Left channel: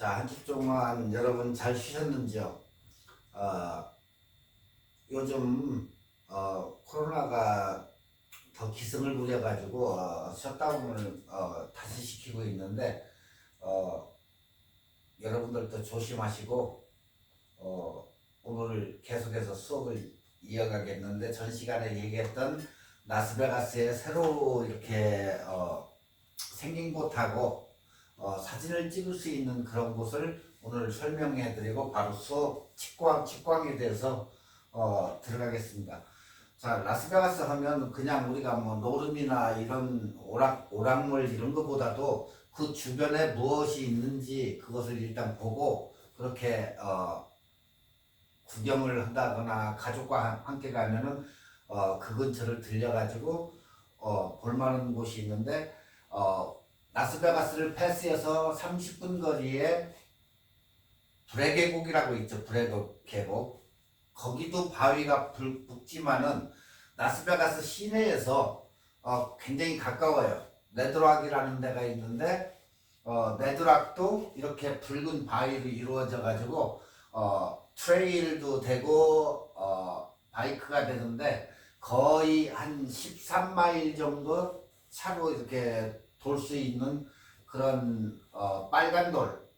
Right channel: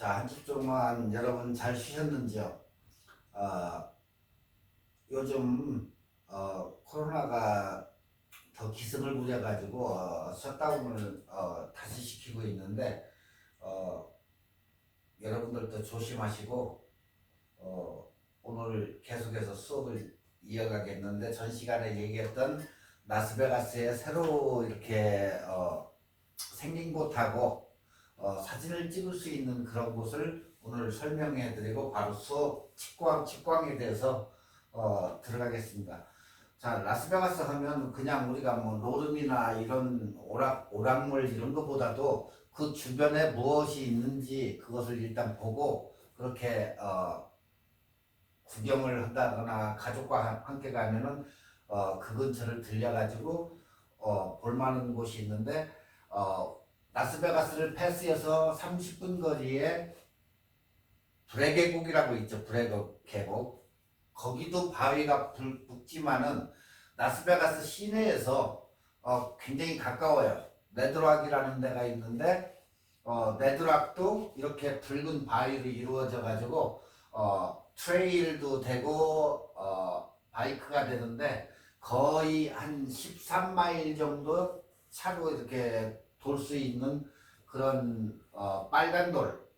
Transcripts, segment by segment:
자, 한 주 동안 여러분 잘 쉬셨는지요? 어, 요즘 코로나가 더 기승을 부려가지고 셧다운을 다시 시키고 있는데 어, 여러분들도 조심하시고 오늘 계속해서 수업을 이어가겠는데 전 시간에 얘기했던 라스베가스에 새로 이렇게 생긴 곳하고 사진을 찍을 수 있는 그런 곳을 오늘 설명해 드리고 바로 수업 직광에 대해서 들어가겠습니다. 자, 라스베가스 하면 그냥 우리가 뭐 노름이나 이런 오락물 이런 것보다도 그 주변에 무엇이 있는지 그것을 일단 보고 그렇게 구경을 한다거나 가족과 함께 가면은 그 근처를 들려가지고 볼 만한 곳이 있는데 라스베가스를 패스해서 30분 거리에 브레 계곡이라고 있죠. 브레 계곡. 거기도 바위가 붓지만은 라스베가스 시내에서 굉장히 가까워요. 레드락이라는 데가 있는데 레드락도 이렇게 붉은 바위로 이루어져 가지고 트레일도 되고 바이크가 되는데 거의 한 13마일 정도 차로 이렇게 돌 수 있는 그런 빨간 돌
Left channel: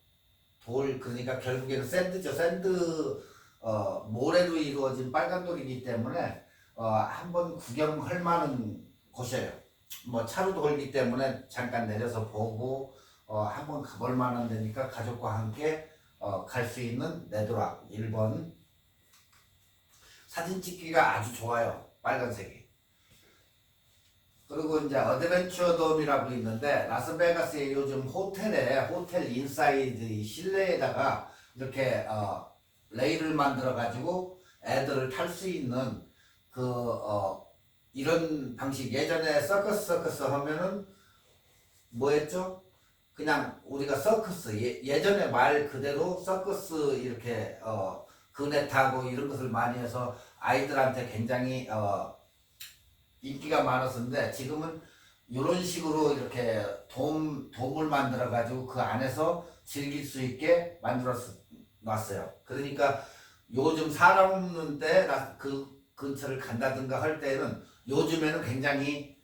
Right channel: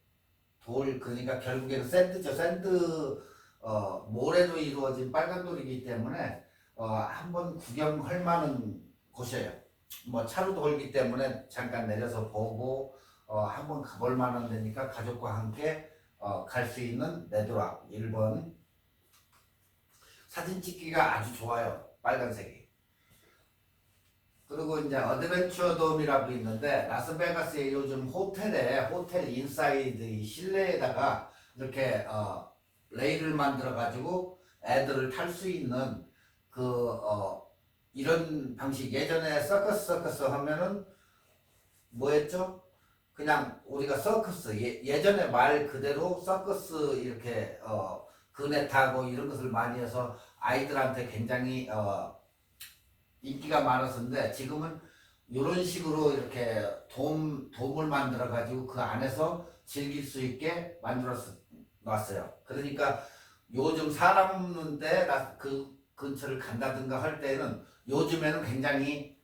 그러니까 결국에는 샌드죠. 샌드 모래로 이루어진 빨간 돌이기 때문에 한번 구경할 만한 곳이에요. 뭐 차로 돌기 때문에 잠깐 내려서 보고 한번 가볼 만한 데니까 가족과 함께 갈 수 있는 네드락 1번. 사진 찍기가 아주 좋아요. 빨간색이. 그리고 이제 어드벤처 돔이라고 있는데 라스베가스의 요즘 호텔 인사이드 이 실내에다가 이렇게 레일을 만들어 가지고 애들을 탈 수 있는 이런 방식. 예전에 서커스 하면은 뭐였죠? 그냥 우리가 서커스 예전에 말 그대로 서커스 이렇게 그네 타고 이런 것을 많이 해서 아이들한테 굉장히 인기가 많았었는데 지금은 이런 식으로 이렇게 돔을 만들어 가지고 그 안에서 즐길 수 있게 만들어 놨어요. 그러니까 요즘 사람 없는데 그 근처를 간다든가 할 때는 요즘에는 굉장히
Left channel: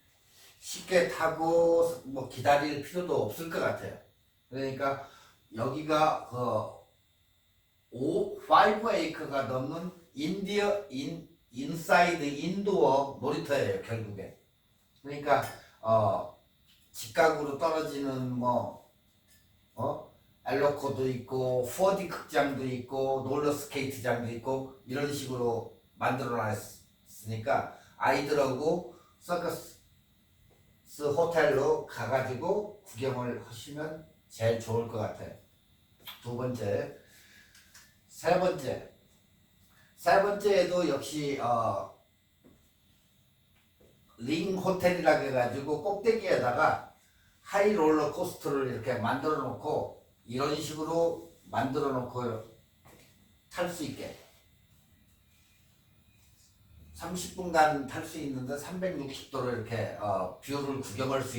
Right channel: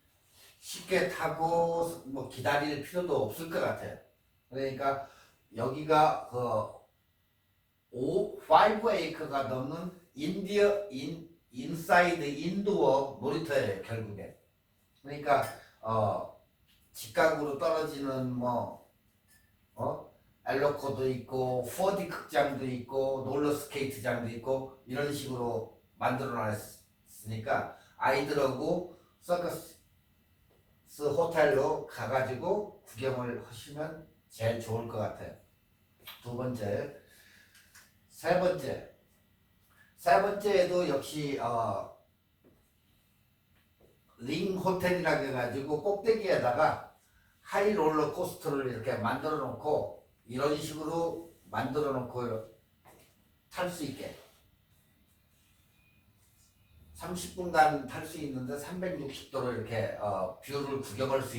쉽게 타고 뭐 기다릴 필요도 없을 것 같아요. 그러니까 여기가 5에이커가 넘는 인사이드 인도어 놀이터예요, 결국에. 그러니까 직각으로 떨어지는 엘로코도 있고 4D 극장도 있고 롤러 스케이트장도 있고 이런 식으로 만들어 놨으니까 아이들하고 서커스 호텔로 가가지고 구경을 하시면 제일 좋을 것 같아요. 두 번째. 세 번째에도 역시 링 호텔이라고 해가지고 꼭대기에다가 하이 롤러 코스터를 이렇게 만들어 놓고 이런 식으로 만들어 놓고 탈 수 있게 30분간 탈 수 있는데 360도로 이렇게 뷰를 구경할 수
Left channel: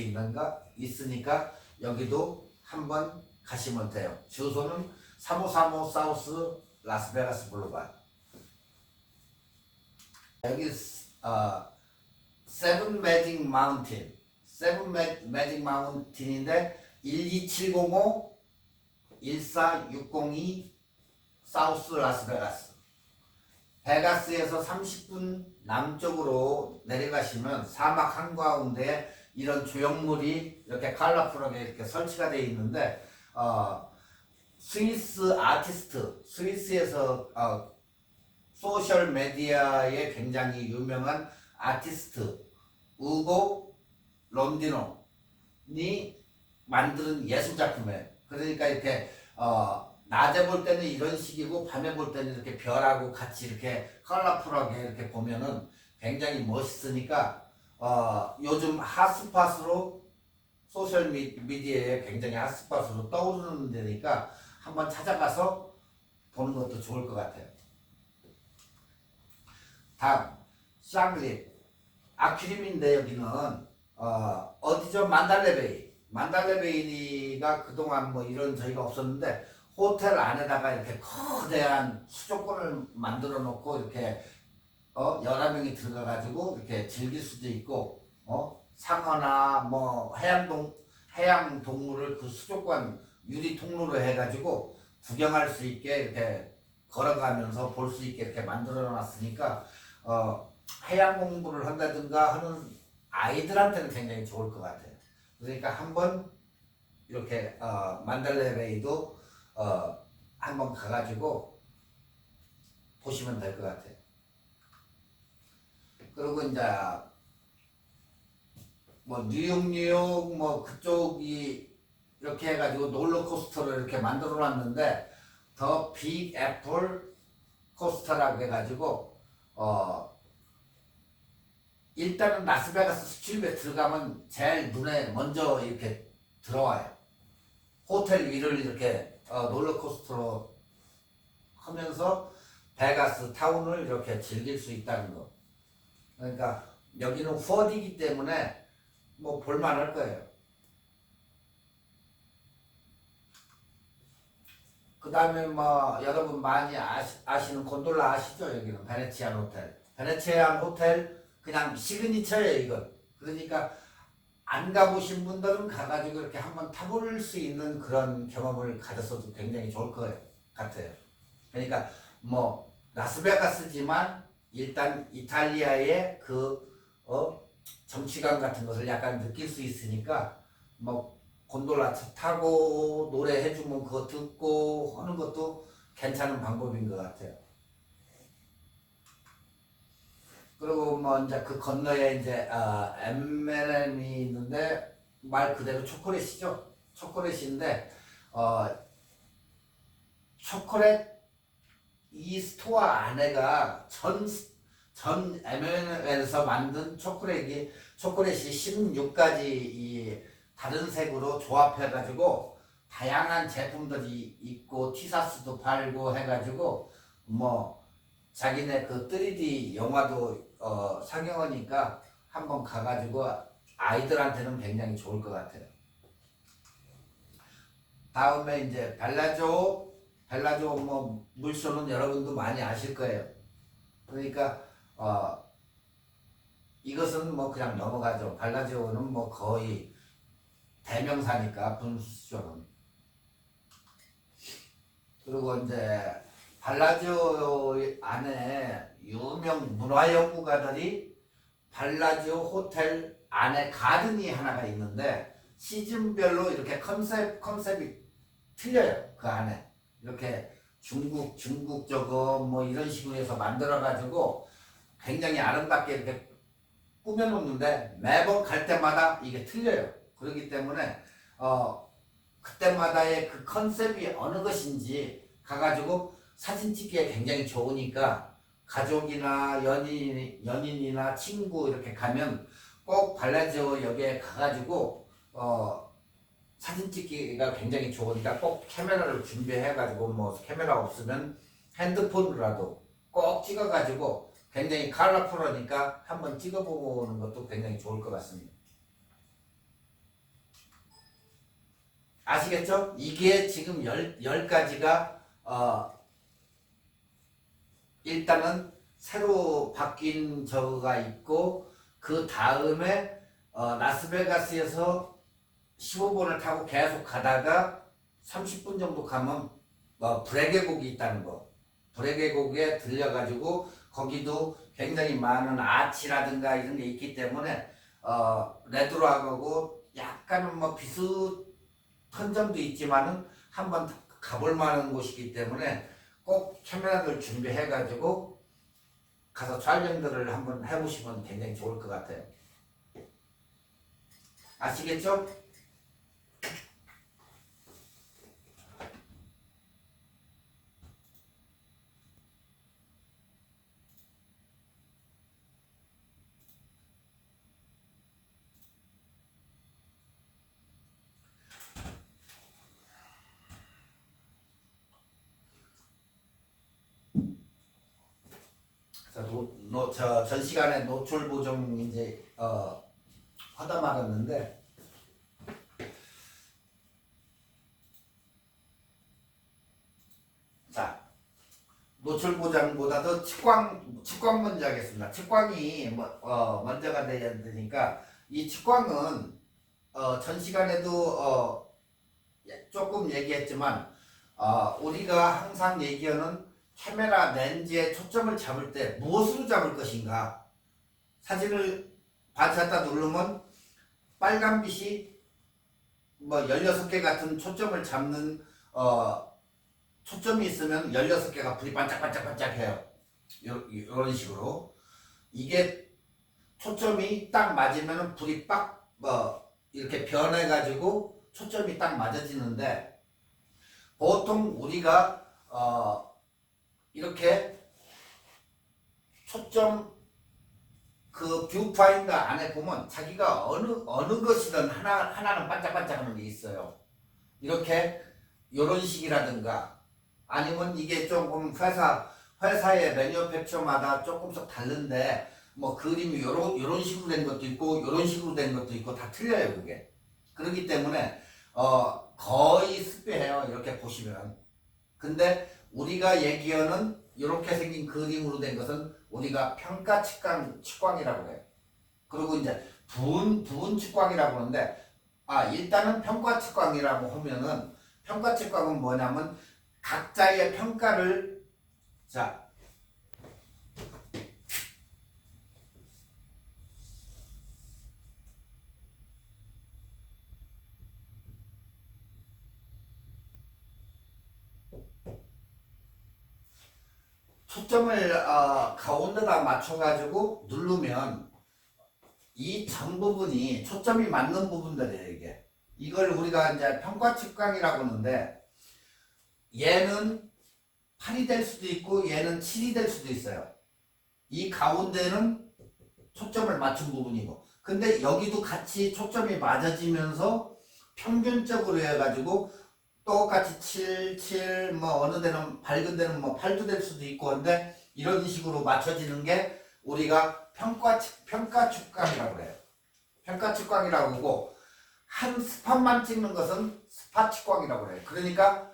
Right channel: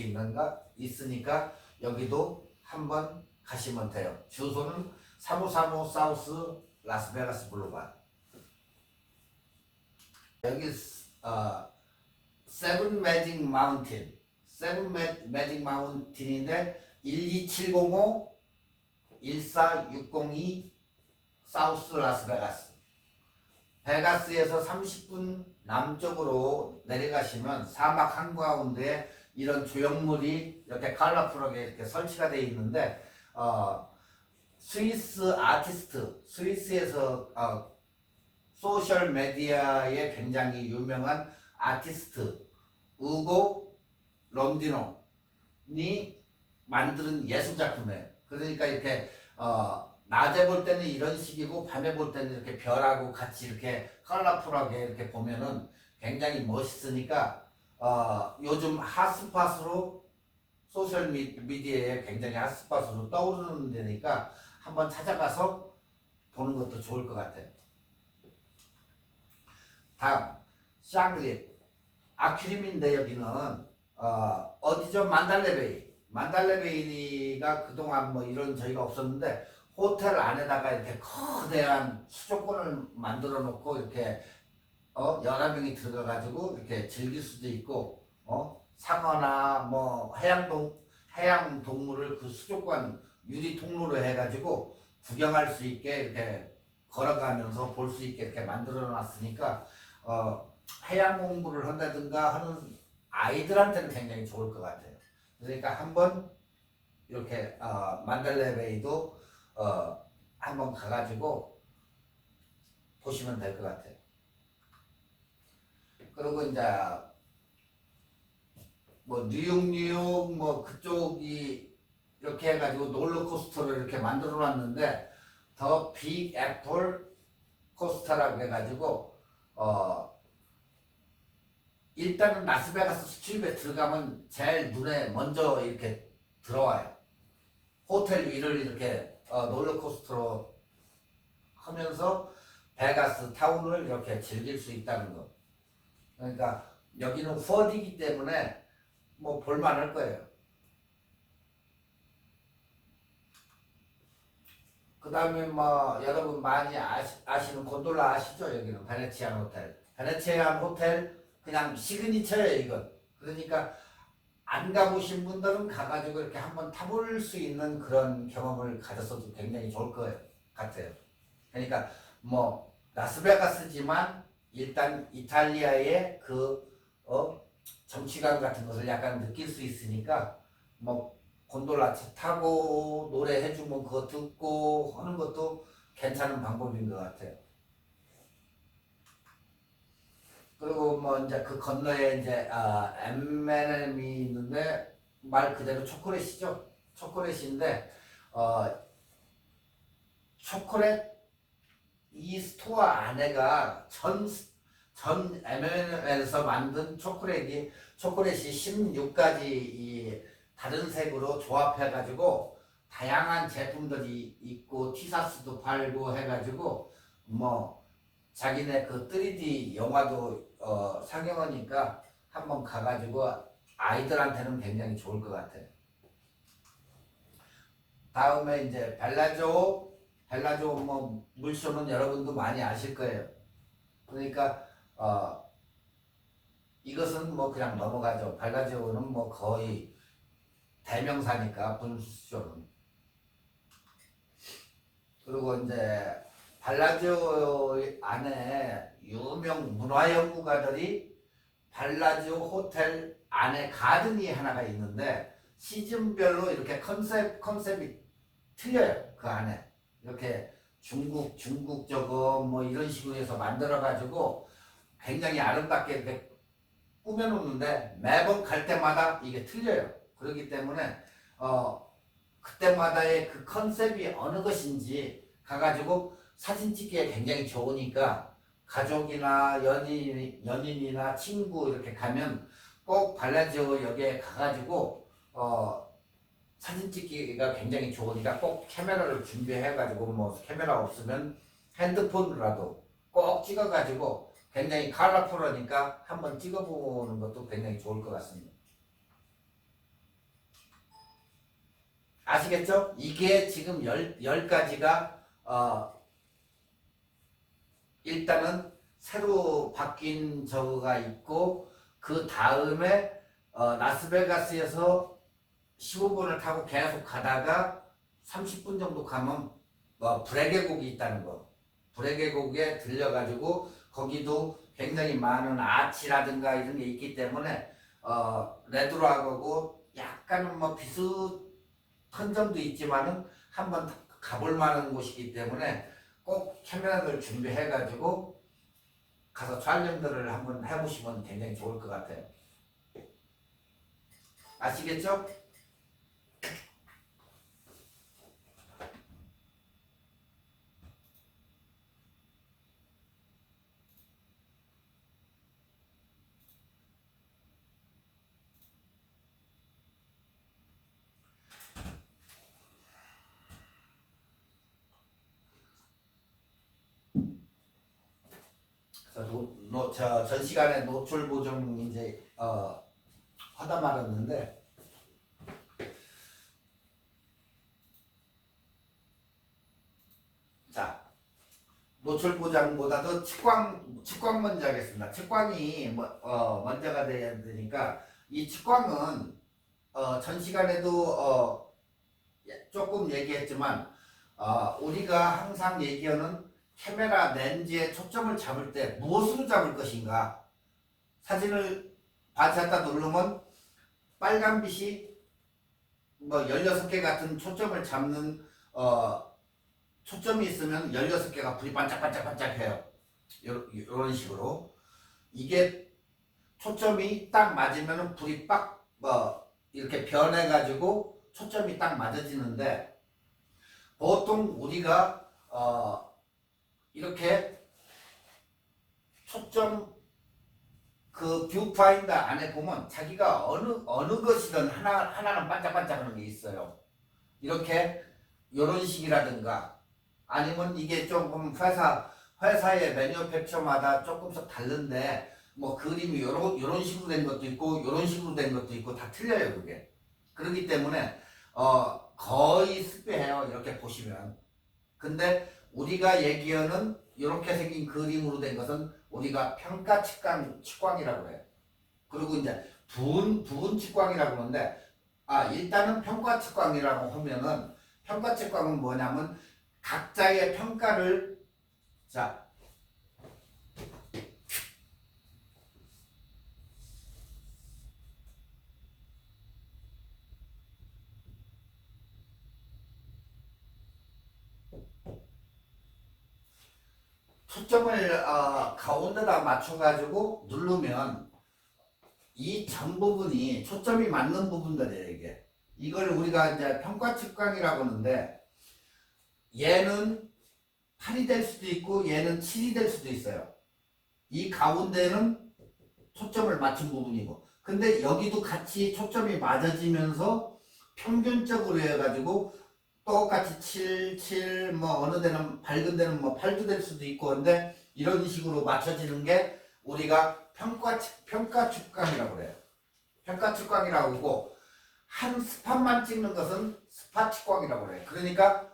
있으니까 여기도 한번 가시면 돼요. 주소는 3535 사우스 라스베가스 블루바드. 여기 세븐 매직 마운틴인데 12705 14602 사우스 라스베가스. 베가스에서 30분 남쪽으로 내려가시면 사막 한가운데 이런 조형물이 이렇게 컬러풀하게 이렇게 설치가 되어 있는데 스위스 아티스트, 스위스에서 소셜 메디어에 굉장히 유명한 아티스트 우고 론디노니 만드는 예술 작품이에요. 그러니까 이렇게 낮에 볼 때는 이런 식이고 밤에 볼 때는 이렇게 별하고 같이 이렇게 컬러풀하게 이렇게 보면은 굉장히 멋있으니까 요즘 핫스팟으로 소셜 미디어에 굉장히 핫스팟으로 떠오르는 데니까 한번 찾아가서 보는 것도 좋을 것 같아요. 다음 샹그리 아큐림인데 여기는 어디죠? 만달레베이가 그동안 뭐 이런 저희가 없었는데 호텔 안에다가 이렇게 거대한 수족관을 만들어 놓고 이렇게 여러 명이 들어가 가지고 이렇게 즐길 수도 있고 상어나 뭐 해양 동물을 그 수족관 유리 통로로 해 가지고 구경할 수 있게 이렇게 걸어가면서 볼 수 있게 이렇게 만들어 놨으니까 해양 공부를 한다든가 하는 아이들한테는 굉장히 좋을 것 같아요. 그러니까 한번 이렇게 만달레 베이도 한번 가가지고 보시면 될 것 같아요. 그리고 이제 뭐 뉴욕 뭐 그쪽이 이렇게 해가지고 롤러코스터를 이렇게 만들어 놨는데 더 빅 애플 코스터라고 해가지고 일단은 라스베가스 스트립에 들어가면 제일 눈에 먼저 이렇게 들어와요. 호텔 위를 이렇게 롤러코스터로 하면서 베가스 타운을 이렇게 즐길 수 있다는 거. 그러니까 여기는 4D이기 때문에 뭐 볼만할 거예요. 그 다음에 뭐 여러분 많이 아시는 곤돌라 아시죠? 여기는 베네치안 호텔. 베네치안 호텔 그냥 시그니처예요 이건. 그러니까 안 가보신 분들은 가가지고 이렇게 한번 타볼 수 있는 그런 경험을 가졌어도 굉장히 좋을 것 같아요. 그러니까 뭐 라스베가스지만 일단 이탈리아의 그 정치감 같은 것을 약간 느낄 수 있으니까 뭐 곤돌라 타고 노래해주면 그거 듣고 하는 것도 괜찮은 방법인 것 같아요. 그리고 뭐 이제 그 건너에 이제 M&M이 있는데 말 그대로 초콜릿이죠. 초콜릿인데 초콜릿 이 스토어 안에가 전 M&M에서 만든 초콜릿이 16가지 이 다른 색으로 조합해가지고 다양한 제품들이 있고 티셔츠도 팔고 해가지고 뭐 자기네 그 3D 영화도 상영하니까 한번 가가지고 아이들한테는 굉장히 좋을 것 같아요. 다음에 이제 벨라조 뭐 물쇼는 여러분도 많이 아실 거예요. 그러니까 이것은 뭐 그냥 넘어가죠. 벨라조는 뭐 거의 대명사니까 분수쇼는. 그리고 이제 발라지오 안에 유명 문화연구가들이 발라지오 호텔 안에 가든이 하나가 있는데 시즌별로 이렇게 컨셉이 틀려요. 그 안에 이렇게 중국적으로 뭐 이런 식으로 해서 만들어 가지고 굉장히 아름답게 이렇게 꾸며놓는데 매번 갈 때마다 이게 틀려요. 그렇기 때문에 그때마다의 그 컨셉이 어느 것인지 가가지고 사진 찍기에 굉장히 좋으니까 가족이나 연인이나 친구 이렇게 가면 꼭 발라지오 역에 가가지고 사진 찍기가 굉장히 좋으니까 꼭 카메라를 준비해가지고 뭐 카메라 없으면 핸드폰으로라도 꼭 찍어가지고 굉장히 컬러풀하니까 한번 찍어보는 것도 굉장히 좋을 것 같습니다. 아시겠죠? 이게 지금 10가지가 일단은 새로 바뀐 저거가 있고 그 다음에 라스베가스에서 15분을 타고 계속 가다가 30분 정도 가면 브레 계곡이 있다는 거. 브레 계곡에 들려가지고 거기도 굉장히 많은 아치라든가 이런 게 있기 때문에 레드락하고 약간은 뭐 비슷한 점도 있지만은 한번 가볼 만한 곳이기 때문에 꼭 카메라를 준비해가지고 가서 촬영들을 한번 해보시면 굉장히 좋을 것 같아요. 아시겠죠? 전 시간에 노출 보정 이제 하다 말았는데 노출 보장보다도 측광 먼저 하겠습니다. 측광이 먼저가 돼야 되니까 이 측광은 전 시간에도 조금 얘기했지만 우리가 항상 얘기하는 카메라 렌즈의 초점을 잡을 때 무엇으로 잡을 것인가. 사진을 반사했다 누르면 빨간빛이 16개 같은 초점을 잡는 초점이 있으면 16개가 불이 반짝반짝반짝해요. 이런 식으로. 이게 초점이 딱 맞으면 불이 빡 이렇게 변해가지고 초점이 딱 맞아지는데, 보통 우리가 이렇게 초점 그 뷰파인더 안에 보면 자기가 어느 것이든 하나는 반짝반짝하는 게 있어요. 이렇게 이런 식이라든가, 아니면 이게 조금 회사의 매뉴팩처마다 조금씩 다른데 그림이 요런 식으로 된 것도 있고 요런 식으로 된 것도 있고 다 틀려요 그게. 그렇기 때문에 거의 습해요 이렇게 보시면. 근데 우리가 얘기하는 이렇게 생긴 그림으로 된 것은 우리가 평가 측광이라고 해요. 그리고 이제 부분 측광이라고 하는데, 일단은 평가 측광이라고 하면은, 평가 측광은 뭐냐면 각자의 평가를, 자, 초점을 가운데다 맞춰가지고 누르면 이 전 부분이 초점이 맞는 부분들이에요 이게. 이걸 우리가 이제 평가 측광이라고 하는데, 얘는 8이 될 수도 있고 얘는 7이 될 수도 있어요. 이 가운데는 초점을 맞춘 부분이고, 근데 여기도 같이 초점이 맞아지면서 평균적으로 해가지고 똑같이 7, 어느 데는 밝은 데는 8도 될 수도 있고, 근데 이런 식으로 맞춰지는 게 우리가 평가 측광이라고 그래요. 평가 측광이라고 하고, 한 스팟만 찍는 것은 스팟 측광이라고 그래요. 그러니까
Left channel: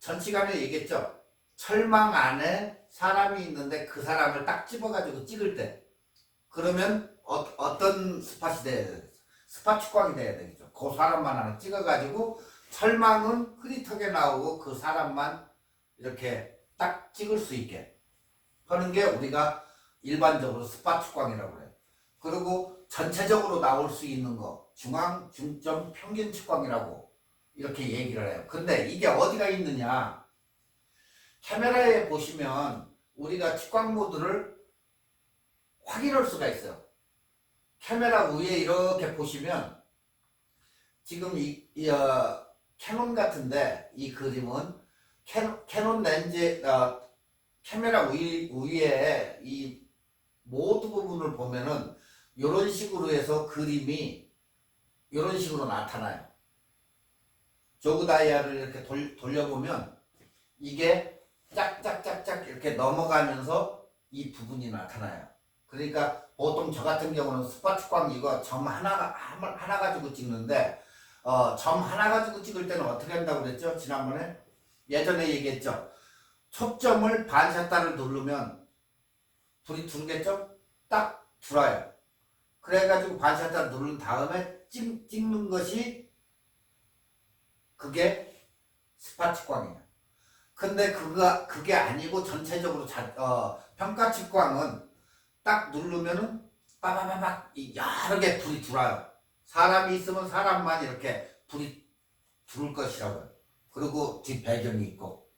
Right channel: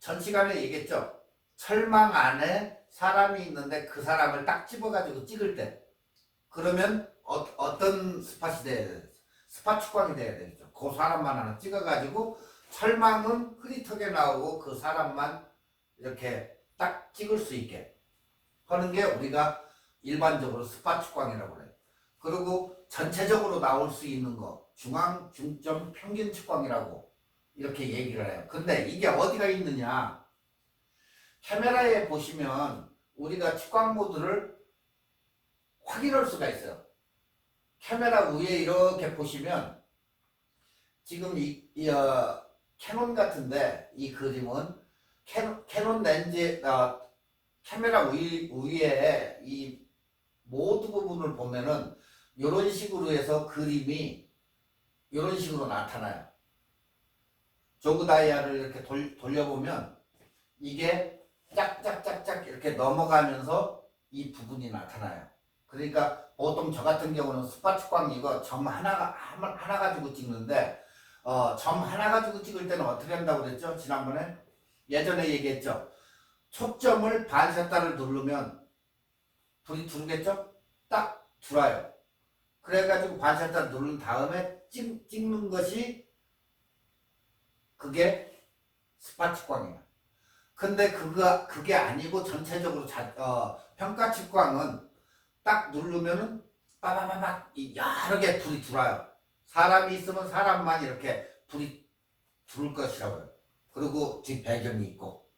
전 시간에 얘기했죠. 철망 안에 사람이 있는데 그 사람을 딱 집어가지고 찍을 때, 그러면 어떤 스팟이 돼야 돼요? 스팟 측광이 돼야 되겠죠. 그 사람만 하나 찍어가지고 철망은 흐릿하게 나오고 그 사람만 이렇게 딱 찍을 수 있게 하는 게 우리가 일반적으로 스팟 측광이라고 그래요. 그리고 전체적으로 나올 수 있는 거 중앙, 중점, 평균 측광이라고 이렇게 얘기를 해요. 근데 이게 어디가 있느냐, 카메라에 보시면 우리가 측광 모드를 확인할 수가 있어요. 카메라 위에 이렇게 보시면 지금 캐논 같은데, 이 그림은 캐논 렌즈 카메라 위에 이 모드 부분을 보면은 이런 식으로 해서 그림이 이런 식으로 나타나요. 조그 다이아를 이렇게 돌려보면 이게 짝짝짝짝 이렇게 넘어가면서 이 부분이 나타나요. 그러니까 보통 저 같은 경우는 스팟 측광 이거 점 하나 가지고 찍는데, 점 하나 가지고 찍을 때는 어떻게 한다고 그랬죠? 지난번에 예전에 얘기했죠. 초점을 반샷다를 누르면 불이 두르겠죠? 딱 들어요. 그래가지고 반샷다를 누른 다음에 찍는 것이 그게 스팟 측광이에요. 근데 그게 아니고 전체적으로 평가 측광은 딱 누르면은 빠바바박 여러 개 불이 들어요. 사람이 있으면 사람만 이렇게 불이 들을 것이라고요. 그리고 뒷 배경이 있고,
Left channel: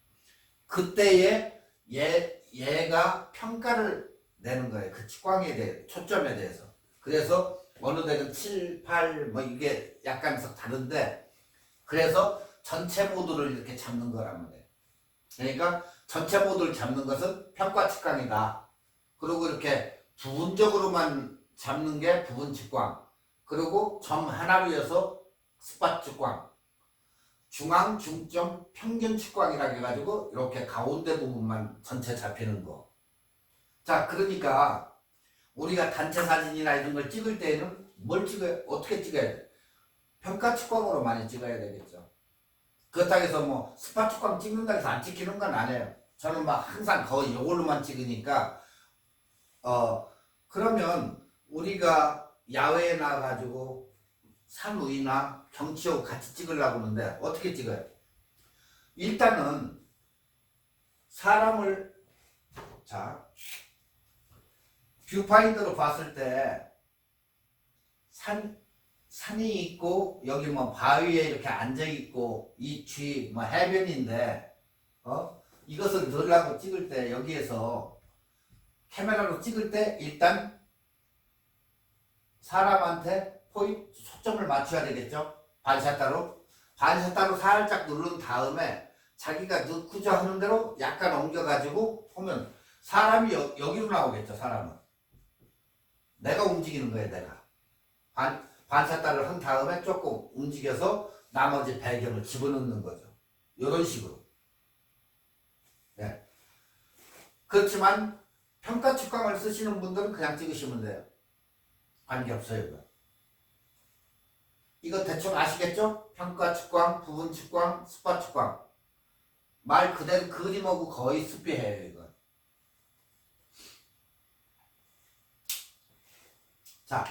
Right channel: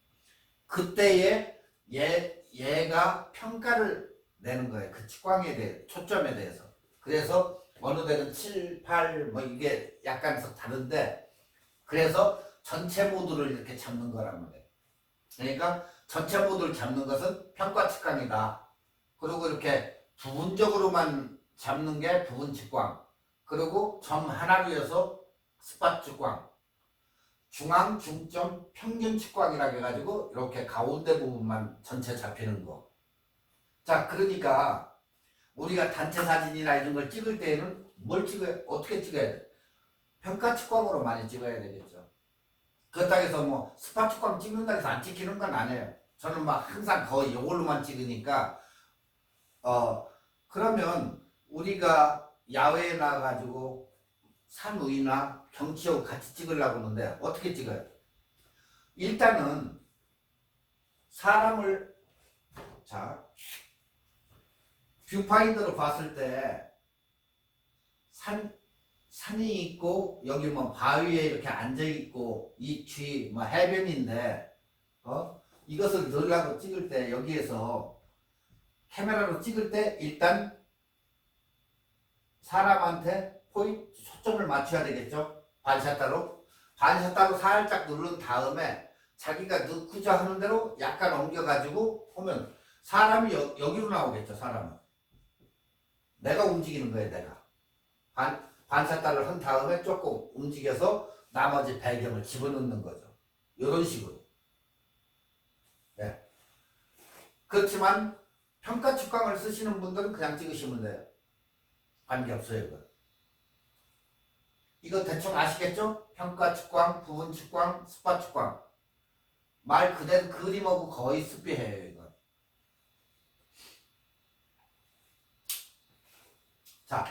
그때에 얘가 평가를 내는 거예요. 그 측광에 대해, 초점에 대해서. 그래서 어느 데는 7, 8 이게 약간씩 다른데, 그래서 전체 모드를 이렇게 잡는 거라는 거예요. 그러니까 전체 모드를 잡는 것은 평가 측광이다. 그리고 이렇게 부분적으로만 잡는 게 부분 측광. 그리고 점 하나로 해서 스팟 측광. 중앙, 중점, 평균 측광이라고 해가지고 이렇게 가운데 부분만 전체 잡히는 거. 자, 그러니까 우리가 단체 사진이나 이런 걸 찍을 때에는 뭘 찍어야, 어떻게 찍어야 돼? 평가 측광으로 많이 찍어야 되겠죠. 그렇다고 해서 스팟 측광 찍는다고 해서 안 찍히는 건 아니에요. 저는 막 항상 거의 이걸로만 찍으니까 그러면 우리가 야외에 나가가지고 산 위나 경치하고 같이 찍으려고 하는데 어떻게 찍어요? 일단은 사람을 자 뷰파인더로 봤을 때 산이 있고 여기 뭐 바위에 이렇게 앉아 있고 이 뒤 뭐 해변인데 이것을 넣으려고 찍을 때 여기에서 카메라로 찍을 때 일단 사람한테 초점을 맞춰야 되겠죠. 반샷다로 살짝 누른 다음에 자기가 넣고자 하는 대로 약간 옮겨가지고 보면 사람이 여기로 나오겠죠. 사람은 내가 움직이는 거예요. 내가 반샷다를 한 다음에 조금 움직여서 나머지 배경을 집어넣는 거죠. 이런 식으로. 네. 그렇지만 평가 측광을 쓰시는 분들은 그냥 찍으시면 돼요. 관계없어요. 이거 대충 아시겠죠? 평가 측광, 부분 측광, 스팟 측광. 말 그대로 그림하고 거의 습비해요. 이거. 자,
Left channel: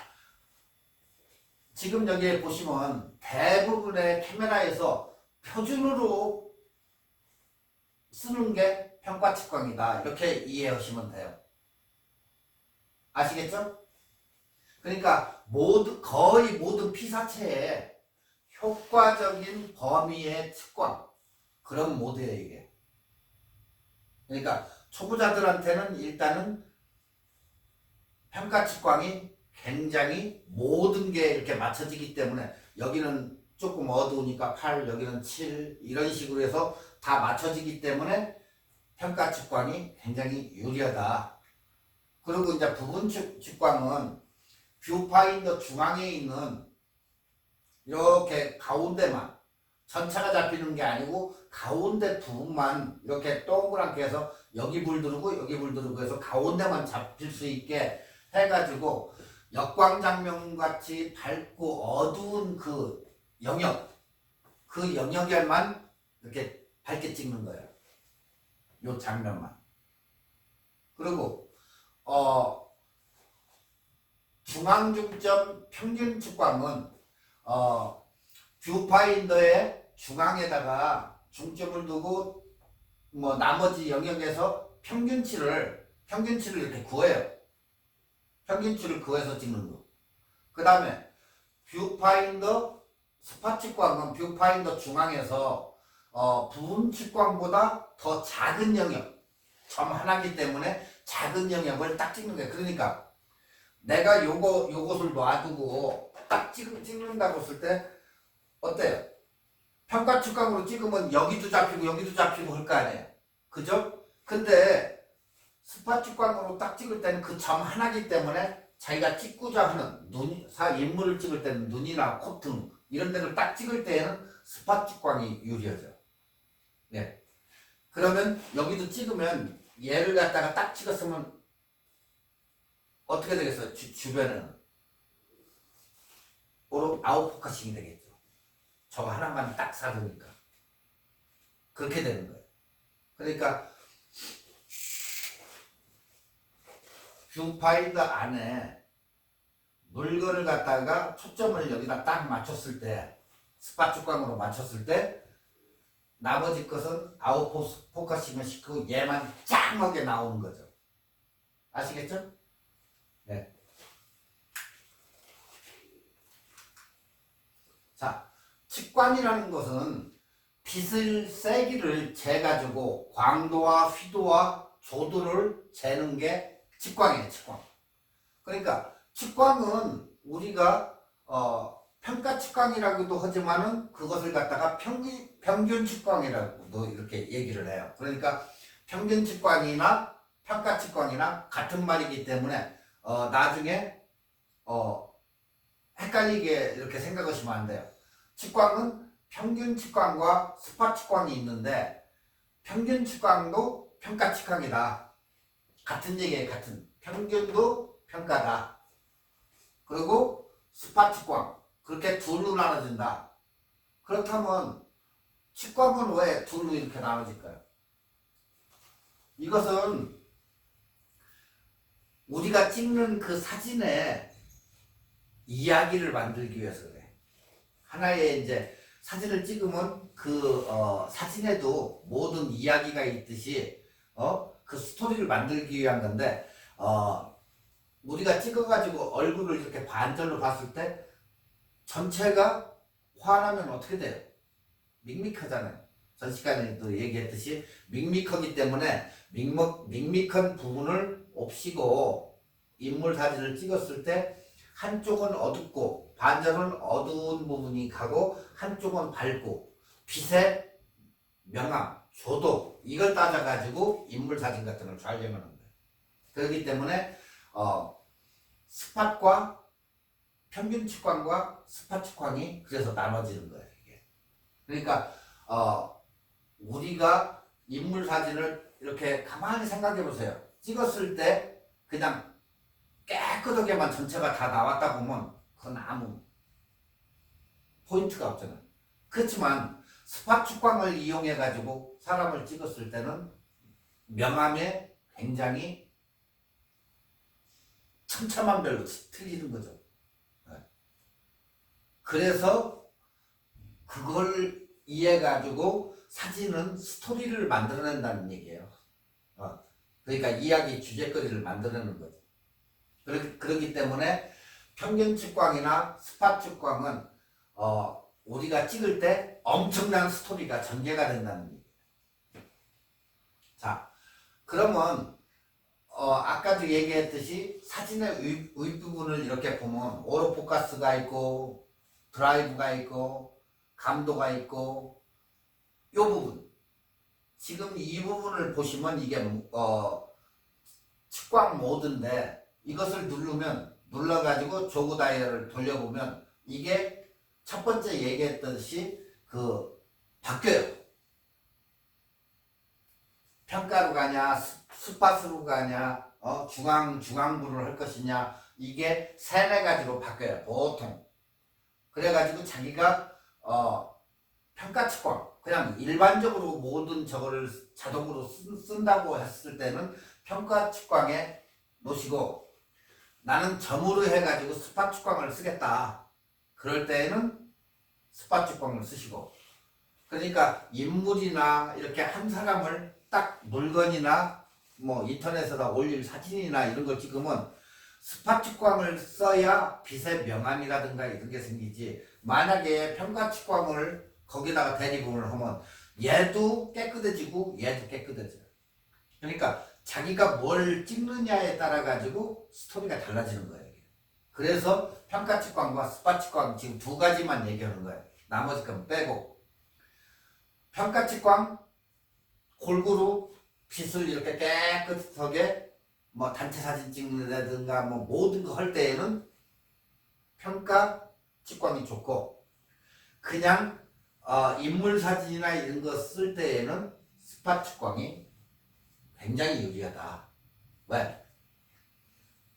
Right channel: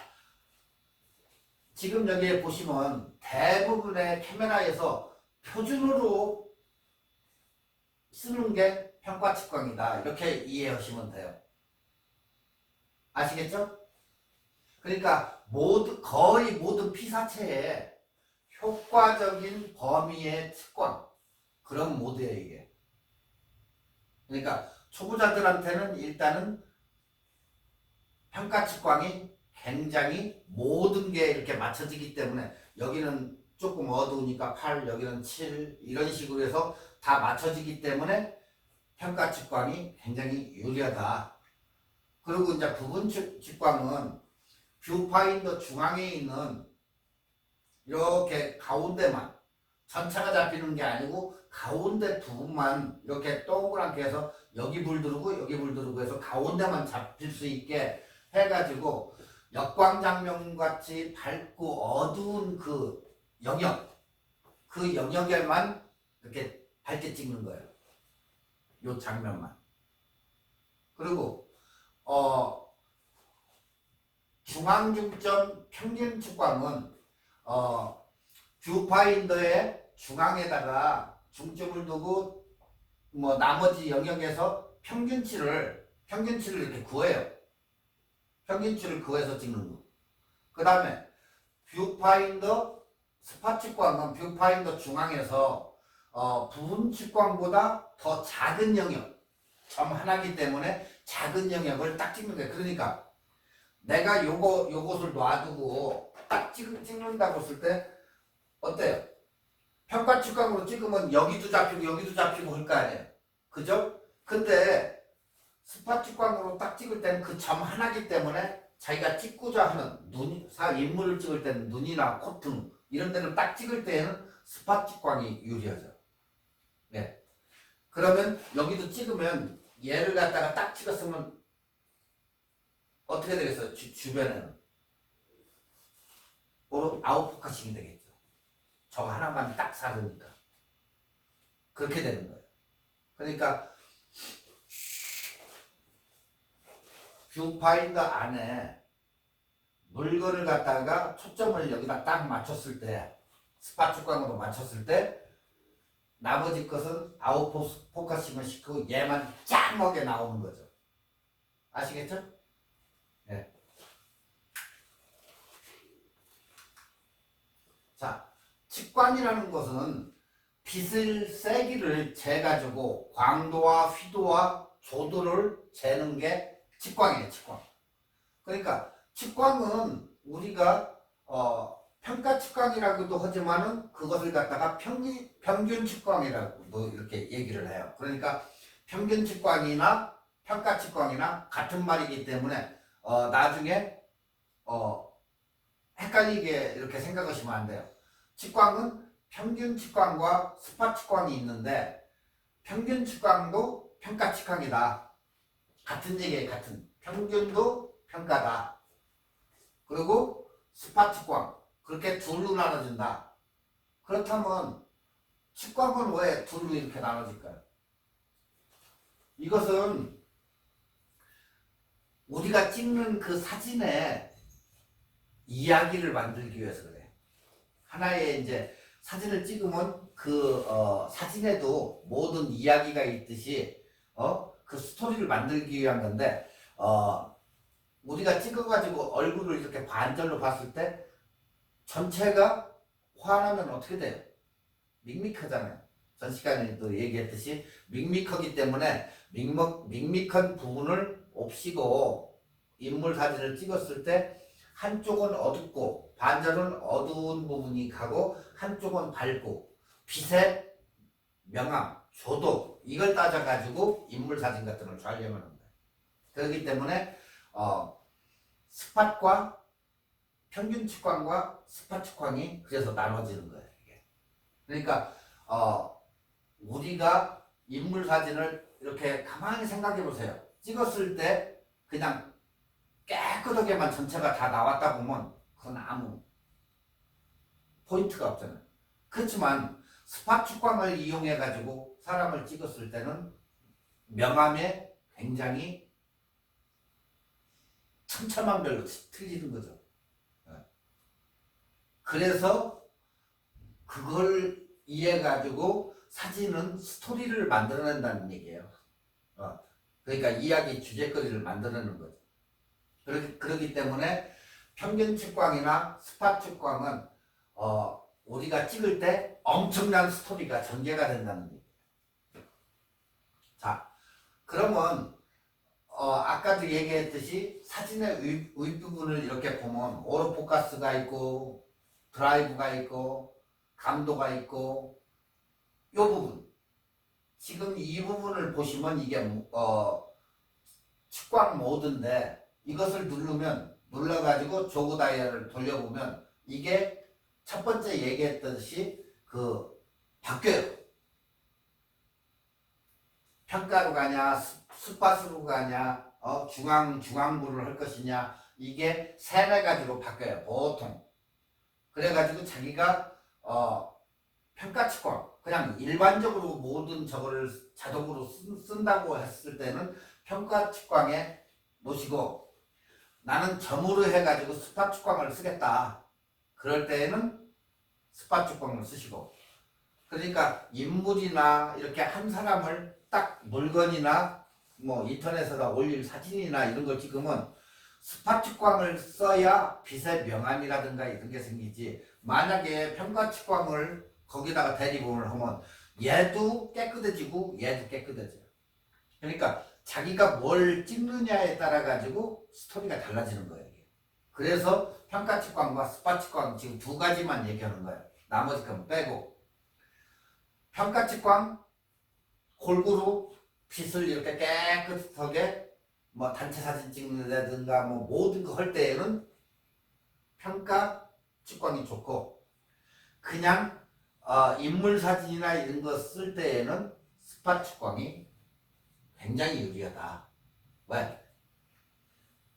지금 여기에 보시면 대부분의 카메라에서 표준으로 쓰는 게 평가 측광이다. 이렇게 이해하시면 돼요. 아시겠죠? 그러니까 거의 모든 피사체에 효과적인 범위의 측광 그런 모드예요. 이게. 그러니까 초보자들한테는 일단은 평가 측광이 굉장히 모든 게 이렇게 맞춰지기 때문에 여기는 조금 어두우니까 8, 여기는 7 이런 식으로 해서 다 맞춰지기 때문에 평가 측광이 굉장히 유리하다. 그리고 이제 부분 측광은 뷰파인더 중앙에 있는 이렇게 가운데만 전체가 잡히는 게 아니고 가운데 부분만 이렇게 동그랗게 해서 여기 불 들어오고 여기 불 들어오고 해서 가운데만 잡힐 수 있게 해가지고 역광장면 같이 밝고 어두운 그 영역에만 이렇게 밝게 찍는 거예요. 요 장면만. 그리고 중앙중점 평균 측광은 뷰파인더의 중앙에다가 중점을 두고 뭐 나머지 영역에서 평균치를 이렇게 구해요. 평균치를 구해서 찍는 거. 그 다음에 뷰파인더 스팟 측광은 뷰파인더 중앙에서 부분 측광보다 더 작은 영역, 점 하나이기 때문에 작은 영역을 딱 찍는 거예요. 그러니까 내가 요것을 놔두고 딱 찍는다고 했을 때 어때요? 평가 측광으로 찍으면 여기도 잡히고 할 거 아니에요. 그죠? 근데 스팟 측광으로 딱 찍을 때는 그 점 하나이기 때문에 자기가 찍고자 하는 인물을 찍을 때는 눈이나 콧등 이런 데를 딱 찍을 때에는 스팟 측광이 유리하죠. 네. 그러면 여기도 찍으면 얘를 갖다가 딱 찍었으면 어떻게 되겠어요? 주변에는 아웃포커싱이 되겠죠. 저거 하나만 딱 사두니까 그렇게 되는 거예요. 그러니까 뷰파인더 안에 물건을 갖다가 초점을 여기다 딱 맞췄을 때 스팟 측광으로 맞췄을 때 나머지 것은 아웃포커싱을 시키고 얘만 짱하게 나오는 거죠. 아시겠죠? 네. 자, 측광이라는 것은 빛의 세기를 재가지고 광도와 휘도와 조도를 재는 게 측광이에요. 측광. 그러니까 측광은 우리가 평가 측광이라고도 하지만은 그것을 갖다가 평균 측광이라고도 이렇게 얘기를 해요. 그러니까 평균 측광이나 평가 측광이나 같은 말이기 때문에 나중에 헷갈리게 이렇게 생각하시면 안 돼요. 측광은 평균 측광과 스팟 측광이 있는데 평균 측광도 평가 측광이다. 같은 얘기예요. 같은. 평균도 평가다. 그리고 스팟 측광. 그렇게 둘로 나눠진다. 그렇다면 측광은 왜 둘로 이렇게 나눠질까요? 이것은 우리가 찍는 그 사진에 이야기를 만들기 위해서 그래. 하나의 이제 사진을 찍으면 그 사진에도 모든 이야기가 있듯이 그 스토리를 만들기 위한 건데 우리가 찍어가지고 얼굴을 이렇게 반절로 봤을 때 전체가 환하면 어떻게 돼요? 밋밋하잖아요. 전 시간에도 얘기했듯이 밋밋하기 때문에 밋밋한 부분을 없이고 인물 사진을 찍었을 때 한쪽은 어둡고 반절은 어두운 부분이 가고 한쪽은 밝고 빛의 명암, 조도 이걸 따져가지고 인물 사진 같은 걸 촬영하는 거예요. 그렇기 때문에 스팟과 평균 측광과 스팟 측광이 그래서 나눠지는 거예요. 이게. 그러니까 우리가 인물 사진을 이렇게 가만히 생각해 보세요. 찍었을 때 그냥 깨끗하게만 전체가 다 나왔다 보면 그건 아무 포인트가 없잖아요. 그렇지만 스팟 측광을 이용해 가지고 사람을 찍었을 때는 명암에 굉장히 천차만별로 틀리는 거죠. 그래서 그걸 이해해 가지고 사진은 스토리를 만들어낸다는 얘기예요. 그러니까 이야기 주제거리를 만들어내는 거죠. 그렇기 때문에 평균 측광이나 스팟 측광은 우리가 찍을 때 엄청난 스토리가 전개가 된다는 얘기예요. 자, 그러면 아까도 얘기했듯이 사진의 윗부분을 이렇게 보면 오토포커스가 있고 드라이브가 있고 감도가 있고 이 부분 지금 이 부분을 보시면 이게 측광 모드인데 이것을 눌러가지고 조그 다이얼을 돌려보면 이게 첫 번째 얘기했듯이 바뀌어요. 평가로 가냐 스팟으로 가냐 중앙부를 할 것이냐 이게 세네 가지로 바뀌어요. 보통 그래가지고 자기가 평가 측광 그냥 일반적으로 모든 저거를 자동으로 쓴다고 했을 때는 평가 측광에 놓으시고 나는 점으로 해가지고 스팟 측광을 쓰겠다. 그럴 때에는 스팟 측광을 쓰시고 그러니까 인물이나 이렇게 한 사람을 딱 물건이나 뭐 인터넷에다 올릴 사진이나 이런 걸 찍으면 스팟 측광을 써야 빛의 명암이라든가 이런 게 생기지 만약에 평가 측광을 거기다가 대리분을 하면 얘도 깨끗해지고 얘도 깨끗해져요. 그러니까 자기가 뭘 찍느냐에 따라 가지고 스토리가 달라지는 거예요. 그래서 평가 측광과 스팟 측광 지금 두 가지만 얘기하는 거예요. 나머지 건 빼고 평가 측광 골고루 빛을 이렇게 깨끗하게 뭐 단체 사진 찍는다든가 뭐 모든 거 할 때에는 평가 측광이 좋고 그냥 인물 사진이나 이런 거 쓸 때에는 스팟 측광이 굉장히 유리하다. 왜?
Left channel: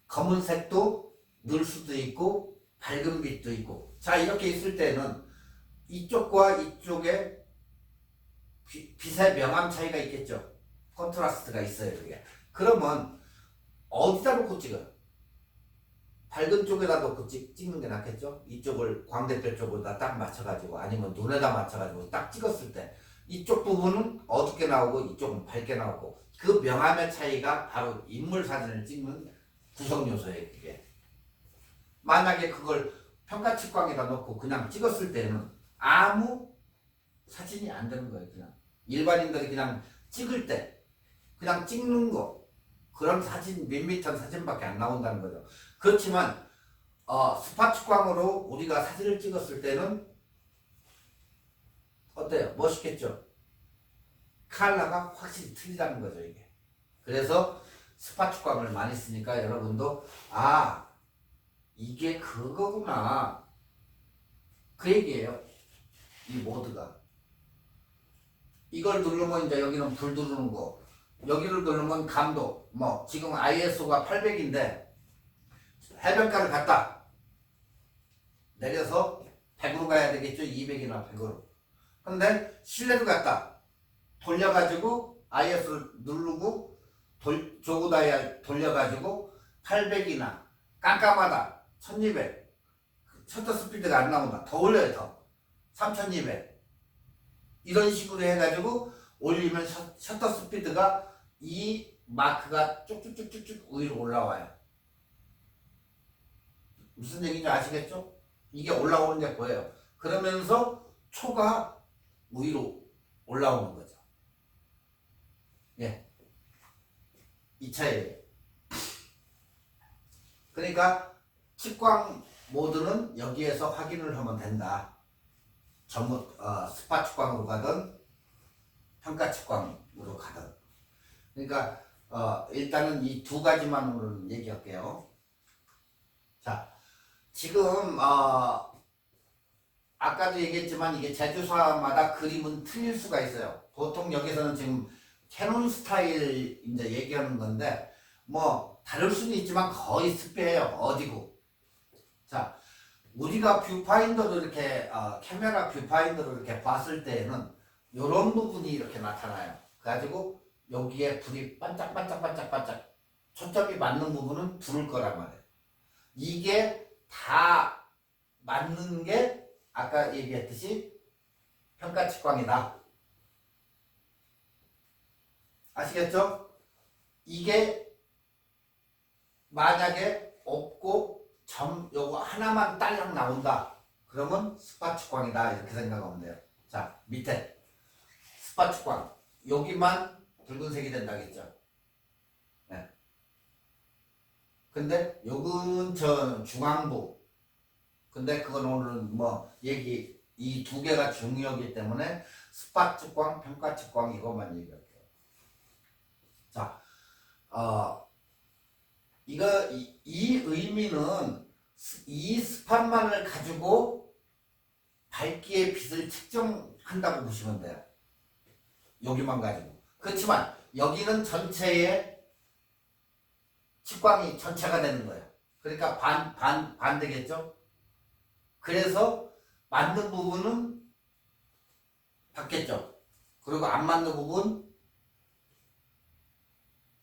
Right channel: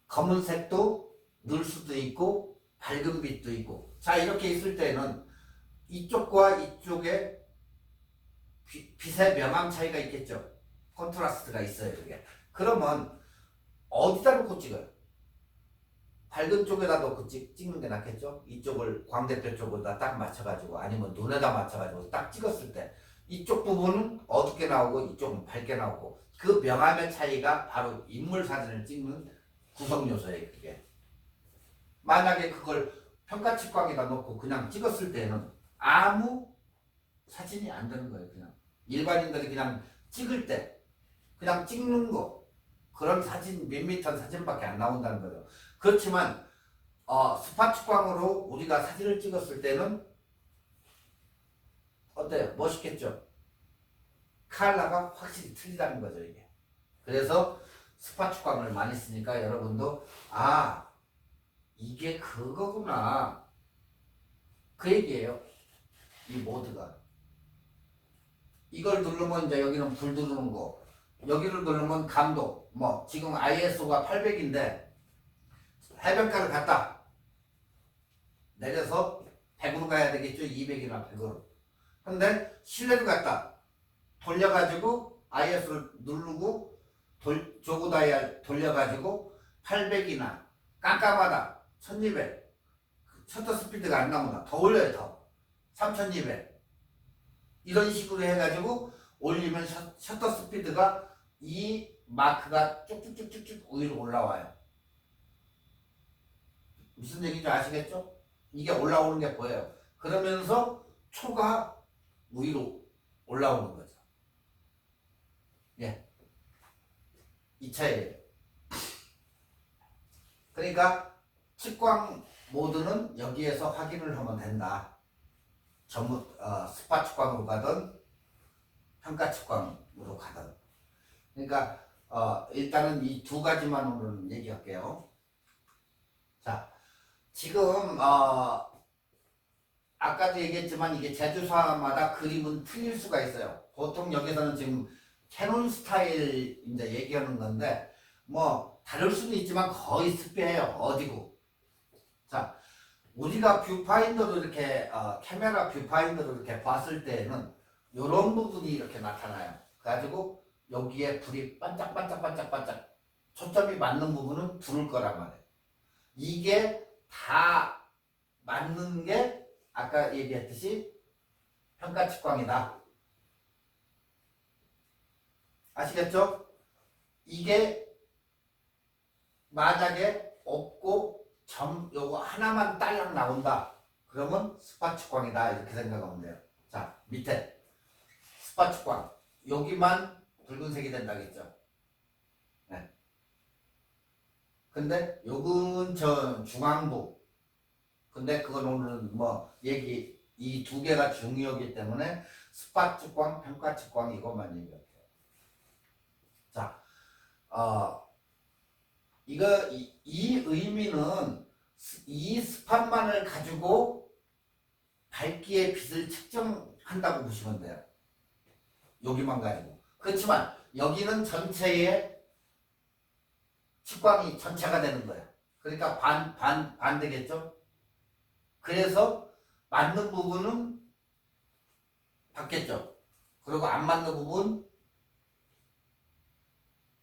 검은색도 넣을 수도 있고 밝은 빛도 있고 자 이렇게 있을 때는 이쪽과 이쪽에 빛의 명암 차이가 있겠죠. 컨트라스트가 있어요. 그게. 그러면 어디다 놓고 찍어요? 밝은 쪽에다 놓고 찍는 게 낫겠죠. 이쪽을 광대뼈 쪽으로다 딱 맞춰가지고 아니면 눈에다 맞춰가지고 딱 찍었을 때 이쪽 부분은 어둡게 나오고 이쪽은 밝게 나오고 그 명암의 차이가 바로 인물 사진을 찍는 구성 요소예요. 그게. 만약에 그걸 평가 측광에다 놓고 그냥 찍었을 때는 아무 사진이 안 되는 거예요. 그냥 일반인들이 그냥 찍을 때 그냥 찍는 거 그런 사진 밋밋한 사진밖에 안 나온다는 거죠. 그렇지만 스팟 측광으로 우리가 사진을 찍었을 때는 어때요? 멋있겠죠? 컬러가 확실히 틀리다는 거죠. 이게. 그래서 스팟 측광을 많이 쓰니까 여러분도 이게 그거구나 그 얘기예요. 이 모드가 이걸 누르면 이제 여기는 불 누르는 거 여기를 누르면 감도 뭐 지금 ISO가 800인데 해변가를 갔다 내려서 100으로 가야 되겠죠. 200이나 100으로 근데 실내로 갔다 돌려가지고 ISO를 누르고 조그다이 돌려가지고 800이나 깜깜하다 1200 셔터 스피드가 안 나온다 더 올려요 더 3200 이런 식으로 해가지고 올리면 셔터 스피드가 이 마크가 쭉쭉쭉쭉쭉 위로 올라와요. 무슨 얘기인지 아시겠죠? 이게 올라오는 게 보여요. 그러면서 초가 위로 올라오는 거죠. 예. 이 차이예요. 그러니까 측광 모드는 여기에서 확인을 하면 된다. 전문 스파 측광으로 가든 평가 측광으로 가든. 그러니까 일단은 이 두 가지만 오늘 얘기할게요. 자, 지금 아까도 얘기했지만 이게 제조사마다 그림은 틀릴 수가 있어요. 보통 여기서는 지금 캐논 스타일 이제 얘기하는 건데 뭐 다를 수는 있지만 거의 습배예요. 어디고. 자, 우리가 뷰파인더로 이렇게 카메라 뷰파인더로 이렇게 봤을 때에는 이런 부분이 이렇게 나타나요. 그래가지고 여기에 불이 반짝반짝반짝반짝 초점이 맞는 부분은 부를 거란 말이에요. 이게 다 맞는 게 아까 얘기했듯이 평가 측광이다. 아시겠죠? 이게 만약에 없고 점 요거 하나만 딸랑 나온다. 그러면 스파 측광이다. 이렇게 생각하면 돼요. 자, 밑에 스파 측광 여기만 붉은색이 된다겠죠. 네. 근데 요건 저 중앙부. 근데 그건 오늘은 뭐 얘기 이 두 개가 중요하기 때문에 스파 측광, 평가 측광 이것만 얘기할게요. 자, 이 의미는 이 스팟만을 가지고 밝기의 빛을 측정한다고 보시면 돼요. 여기만 가지고. 그렇지만 여기는 전체의 측광이 전체가 되는 거예요. 그러니까 반대겠죠? 그래서 맞는 부분은 받겠죠. 그리고 안 맞는 부분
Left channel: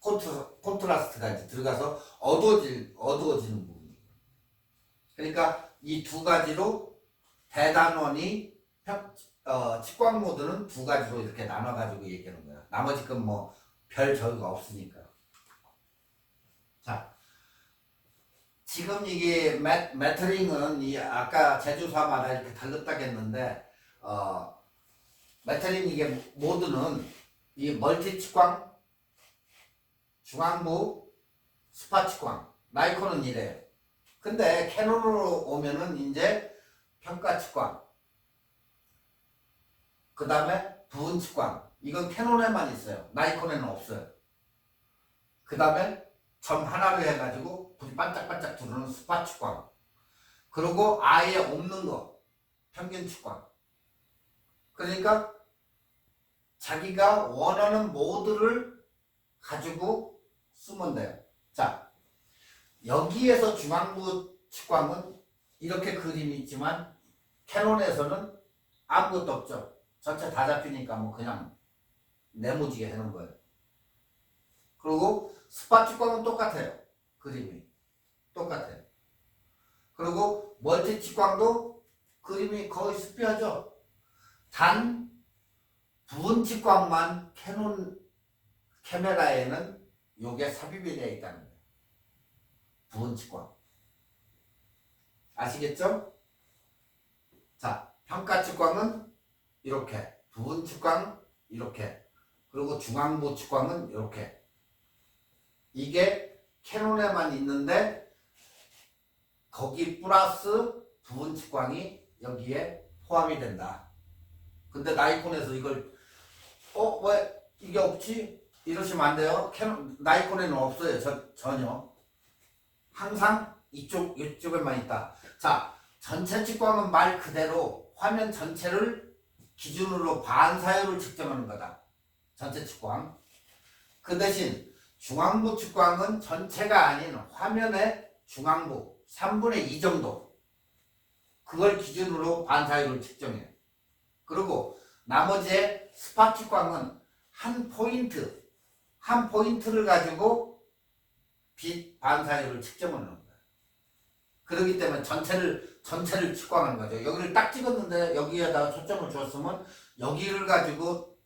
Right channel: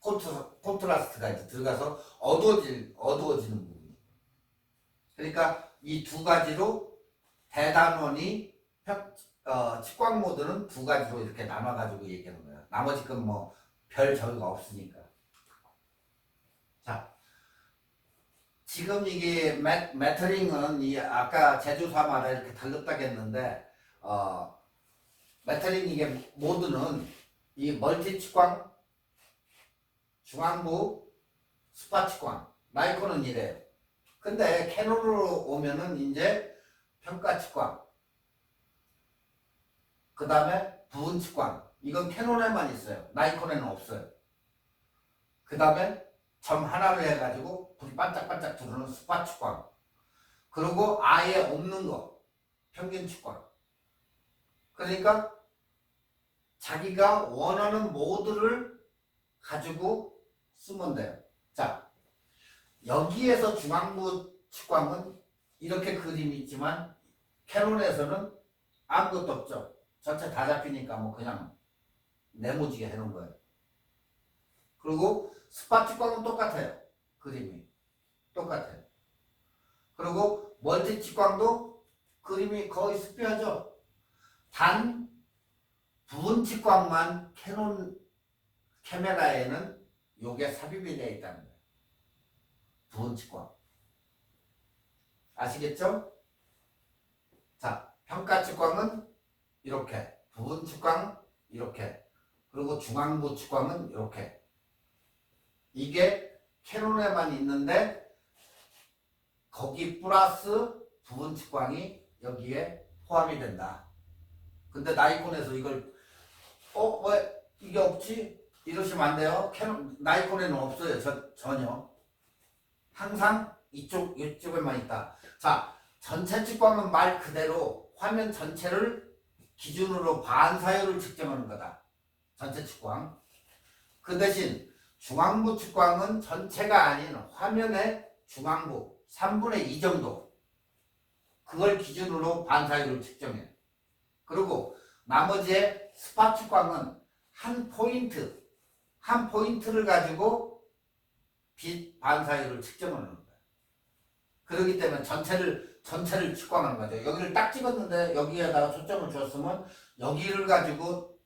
콘트라스트가 이제 들어가서 어두워지는 부분. 그러니까 이 두 가지로 대단원이 측광 모드는 두 가지로 이렇게 나눠가지고 얘기하는 거예요. 나머지 건 뭐 별 저기가 없으니까. 자, 지금 이게 매터링은 이 아까 제조사마다 이렇게 달랐다겠는데 매터링 이게 모드는 이 멀티 측광, 중앙부, 스파 측광, 나이콘은 이래요. 근데 캐논으로 오면은 이제 평가 측광, 그 다음에 부분 측광, 이건 캐논에만 있어요. 나이콘에는 없어요. 그 다음에 점 하나로 해가지고 불이 반짝반짝 들어오는 스파 측광, 그리고 아예 없는 거 평균 측광. 그러니까 자기가 원하는 모드를 가지고 쓰면 돼요. 자, 여기에서 중앙부 측광은 이렇게 그림이 있지만 캐논에서는 아무것도 없죠. 전체 다 잡히니까 뭐 그냥 네모지게 해놓은 거예요. 그리고 스파 측광은 똑같아요. 그림이 똑같아요. 그리고 멀티 측광도 그림이 거의 습비하죠. 단 부분 측광만 캐논 카메라에는 요게 삽입이 되어 있다는 거예요. 부분 측광. 아시겠죠? 자, 평가 측광은 이렇게, 부분 측광 이렇게, 그리고 중앙부 측광은 이렇게. 이게 캐논에만 있는데 거기 플러스 부분 측광이 여기에 포함이 된다. 근데 나이콘에서 이걸 왜 이게 없지? 이러시면 안 돼요. 캐논 나이콘에는 없어요. 전혀. 항상 이쪽에만 있다. 자, 전체 측광은 말 그대로 화면 전체를 기준으로 반사율을 측정하는 거다. 전체 측광. 그 대신 중앙부 측광은 전체가 아닌 화면의 중앙부 3분의 2 정도. 그걸 기준으로 반사율을 측정해요. 그리고 나머지의 스파 측광은 한 포인트 한 포인트를 가지고 빛 반사율을 측정하는 거예요. 그렇기 때문에 전체를 측광하는 거죠. 여기를 딱 찍었는데 여기에다가 초점을 줬으면 여기를 가지고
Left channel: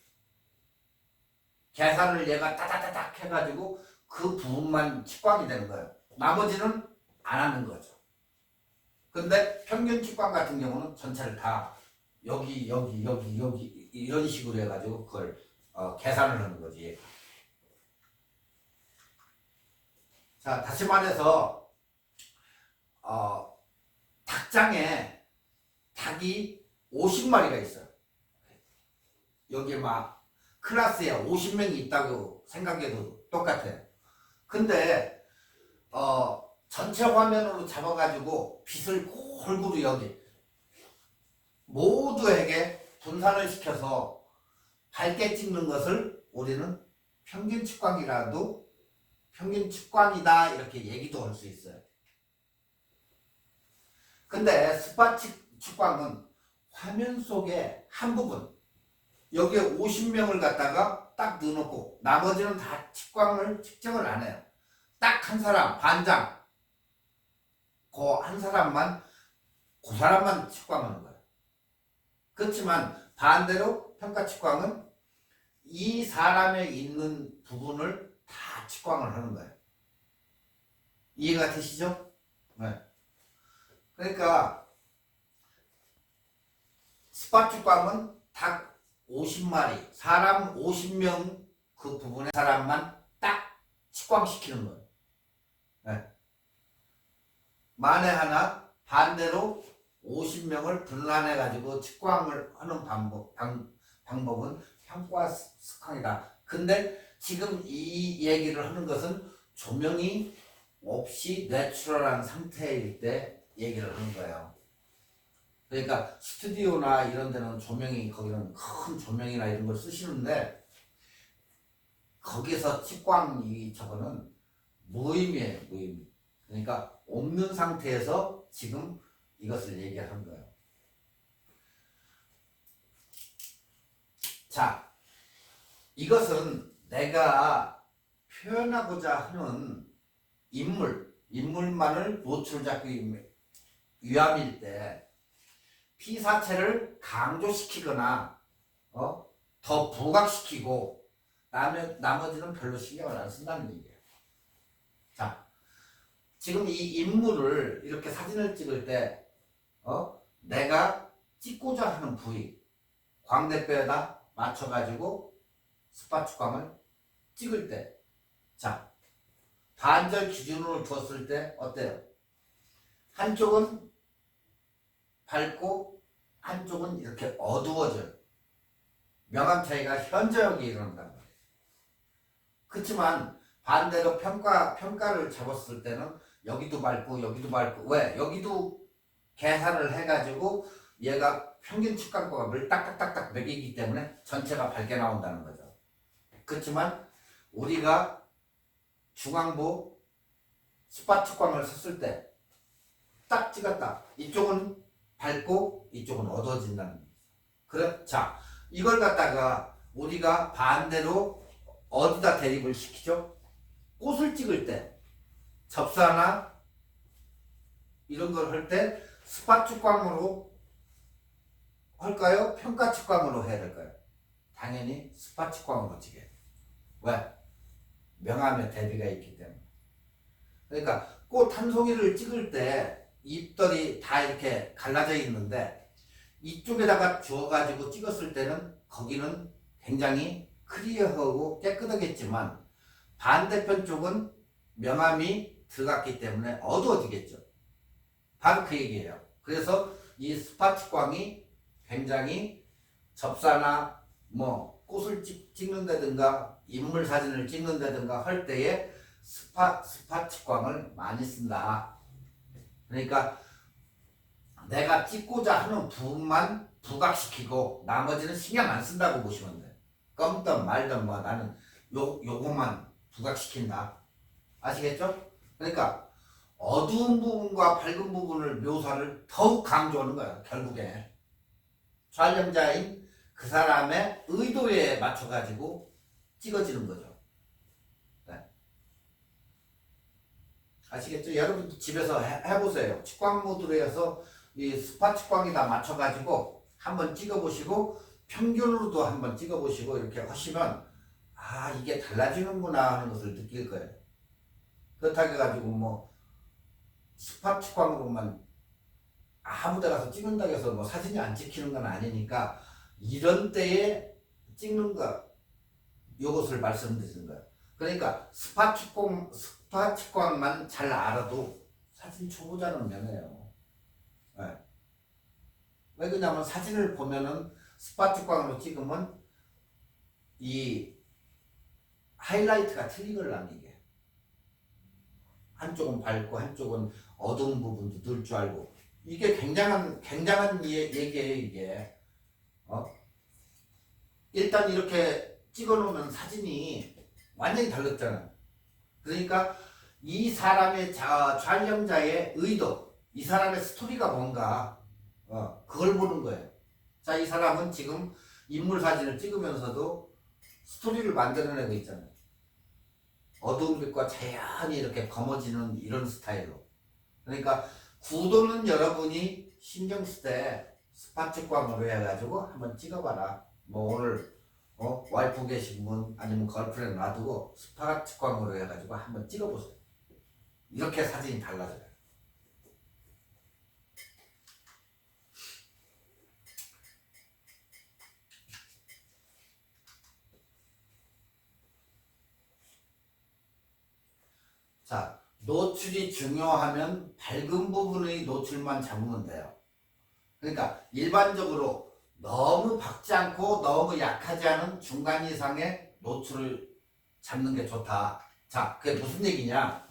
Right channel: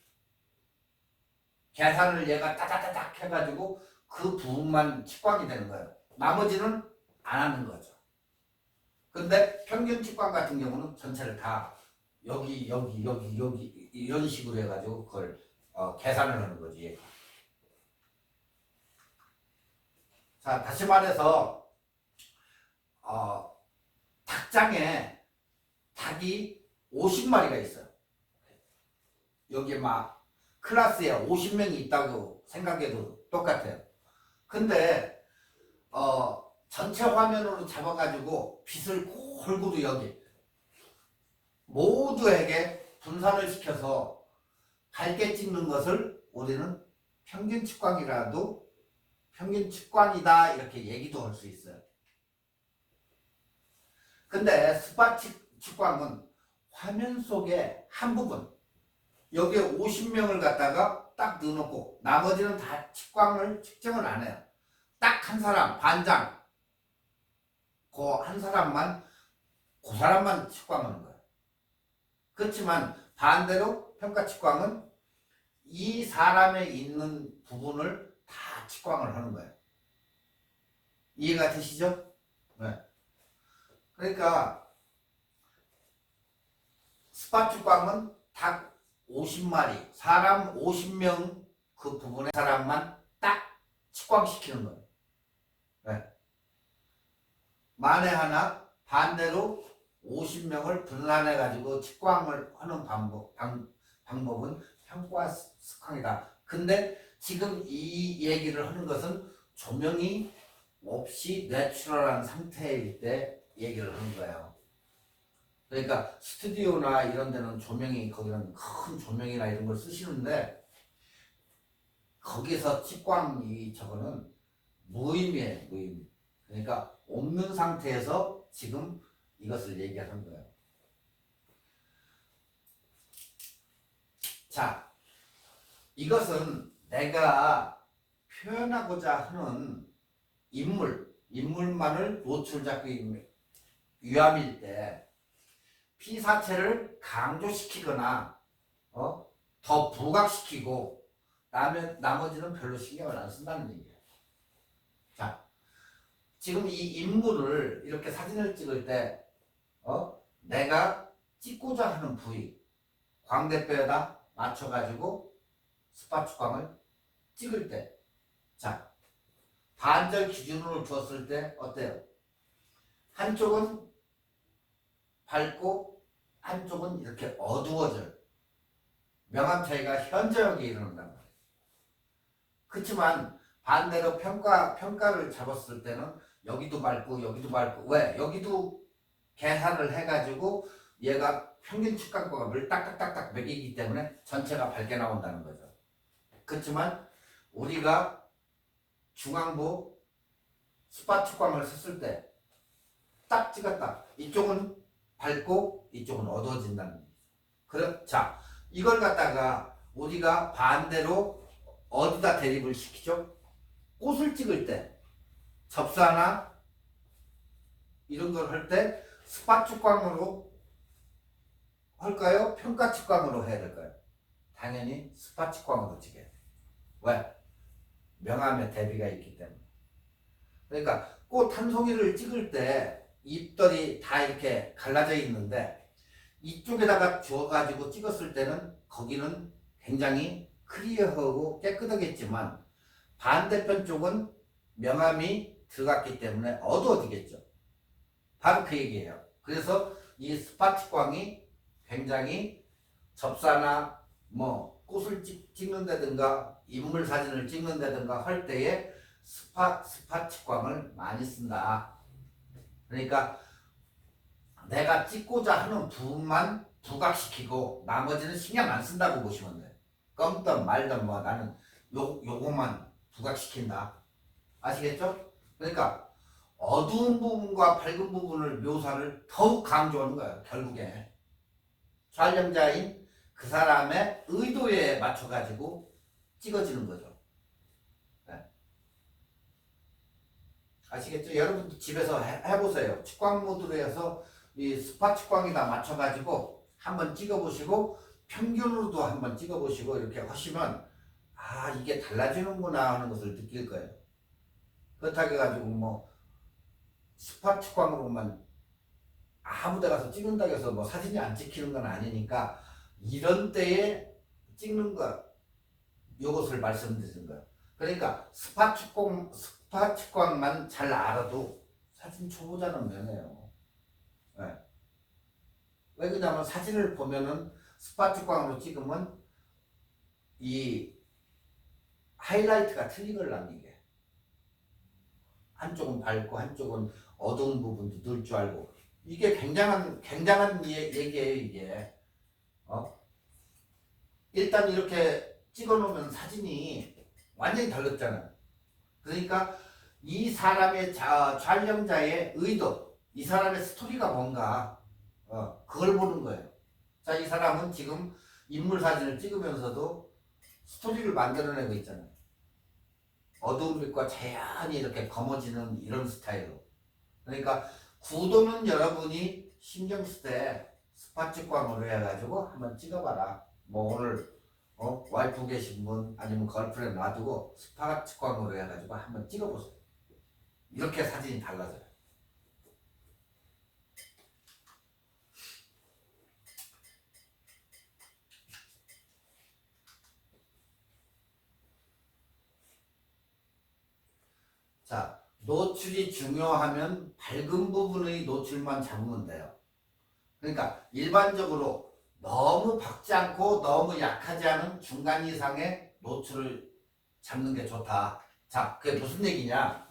계산을 얘가 따다다닥 해가지고 그 부분만 측광이 되는 거예요. 나머지는 안 하는 거죠. 근데 평균 측광 같은 경우는 전체를 다 여기 이런 식으로 해가지고 그걸 계산을 하는 거지. 자, 다시 말해서 닭장에 닭이 50마리가 있어요. 여기 막 클래스에 50명이 있다고 생각해도 똑같아요. 근데 전체 화면으로 잡아가지고 빛을 골고루 여기 모두에게 분산을 시켜서 밝게 찍는 것을 우리는 평균 측광이라도 평균 측광이다 이렇게 얘기도 할 수 있어요. 근데 스팟 측광은 화면 속에 한 부분 여기에 50명을 갖다가 딱 넣어놓고 나머지는 다 측정을 안 해요. 딱 한 사람 반장 그 사람만 측광하는 거예요. 그렇지만 반대로 평가 측광은 이 사람에 있는 부분을 다 측광을 하는 거예요. 이해가 되시죠? 네. 그러니까 스팟 측광은 닭 50마리, 사람 50명 그 부분의 사람만 딱 측광시키는 거예요. 네. 만에 하나 반대로 50명을 분란해 가지고 측광을 하는 방법은 평가 측광이다. 근데 지금 이 얘기를 하는 것은 조명이 없이 내추럴한 상태일 때 얘기를 하는 거예요. 그러니까 스튜디오나 이런 데는 거기는 큰 조명이나 이런 걸 쓰시는데 거기서 측광이 저거는 무의미해요. 무의미. 그러니까 없는 상태에서 지금 이것을 얘기하는 거예요. 자, 이것은 내가 표현하고자 하는 인물만을 노출잡기 위함일 때 피사체를 강조시키거나 더 부각시키고 나머지는 별로 신경을 안 쓴다는 얘기예요. 자, 지금 이 인물을 이렇게 사진을 찍을 때 내가 찍고자 하는 부위 광대뼈에다 맞춰가지고 스팟 측광을 찍을 때, 자, 반절 기준으로 두었을 때 어때요? 한쪽은 밝고 한쪽은 이렇게 어두워져요. 명암 차이가 현저하게 일어난단 말이에요. 그렇지만 반대로 평가를 잡았을 때는 여기도 밝고 여기도 밝고, 왜? 여기도 계산을 해가지고 얘가 평균 측광값을 딱딱딱딱 매기기 때문에 전체가 밝게 나온다는 거죠. 그렇지만 우리가 중앙부 스팟 측광을 썼을 때 딱 찍었다. 이쪽은 밝고 이쪽은 어두워진다는 거죠. 그래? 자, 이걸 갖다가 우리가 반대로 어디다 대립을 시키죠? 꽃을 찍을 때 접사나 이런 걸 할 때 스팟 측광으로 할까요? 평가 측광으로 해야 될까요? 당연히 스팟 측광으로 찍어요. 왜? 명암의 대비가 있기 때문에. 그러니까 꽃 한 송이를 찍을 때 잎들이 다 이렇게 갈라져 있는데 이쪽에다가 주어가지고 찍었을 때는 거기는 굉장히 클리어하고 깨끗하겠지만 반대편 쪽은 명암이 들어갔기 때문에 어두워지겠죠. 바로 그 얘기예요. 그래서 이 스팟 측광이 굉장히 접사나 꽃을 찍는다든가 인물 사진을 찍는다든가 할 때에 스팟 측광을 많이 쓴다. 그러니까 내가 찍고자 하는 부분만 부각시키고 나머지는 신경 안 쓴다고 보시면 돼요. 껌든 말든 나는 요것만 부각시킨다. 아시겠죠? 그러니까 어두운 부분과 밝은 부분을 묘사를 더욱 강조하는 거예요. 결국에 촬영자인 그 사람의 의도에 맞춰 가지고 찍어지는 거죠. 아시겠죠? 여러분도 집에서 해보세요. 측광 모드로 해서 이 스팟 측광에다 맞춰가지고 한번 찍어보시고 평균으로도 한번 찍어보시고 이렇게 하시면 아 이게 달라지는구나 하는 것을 느낄 거예요. 그렇다고 해가지고 뭐 스팟 측광으로만 아무 데 가서 찍는다고 해서 뭐 사진이 안 찍히는 건 아니니까 이런 때에 찍는 거 요것을 말씀드리는 거예요. 그러니까 스팟 측광만 잘 알아도 사진 초보자는 면해요. 네. 왜 그러냐면 사진을 보면은 스팟 측광으로 찍으면 이 하이라이트가 틀리걸랑 이게 한쪽은 밝고 한쪽은 어두운 부분도 늘 줄 알고 이게 굉장한 얘기예요 이게. 일단 이렇게 찍어놓으면 사진이 완전히 달랐잖아요. 그러니까 이 사람의 촬영자의 의도, 이 사람의 스토리가 뭔가 그걸 보는 거예요. 자, 이 사람은 지금 인물 사진을 찍으면서도 스토리를 만들어내고 있잖아요. 어두운 빛과 자연히 이렇게 검어지는 이런 스타일로. 그러니까 구도는 여러분이 신경 쓸 때 스팟 측광으로 해가지고 한번 찍어봐라. 뭐 오늘 와이프 계신 분 아니면 걸프렌드 놔두고 스팟 측광으로 해가지고 한번 찍어보세요. 이렇게 사진이 달라져요. 자, 노출이 중요하면 밝은 부분의 노출만 잡으면 돼요. 그러니까 일반적으로 너무 밝지 않고 너무 약하지 않은 중간 이상의 노출을 잡는 게 좋다. 자, 그게 무슨 얘기냐?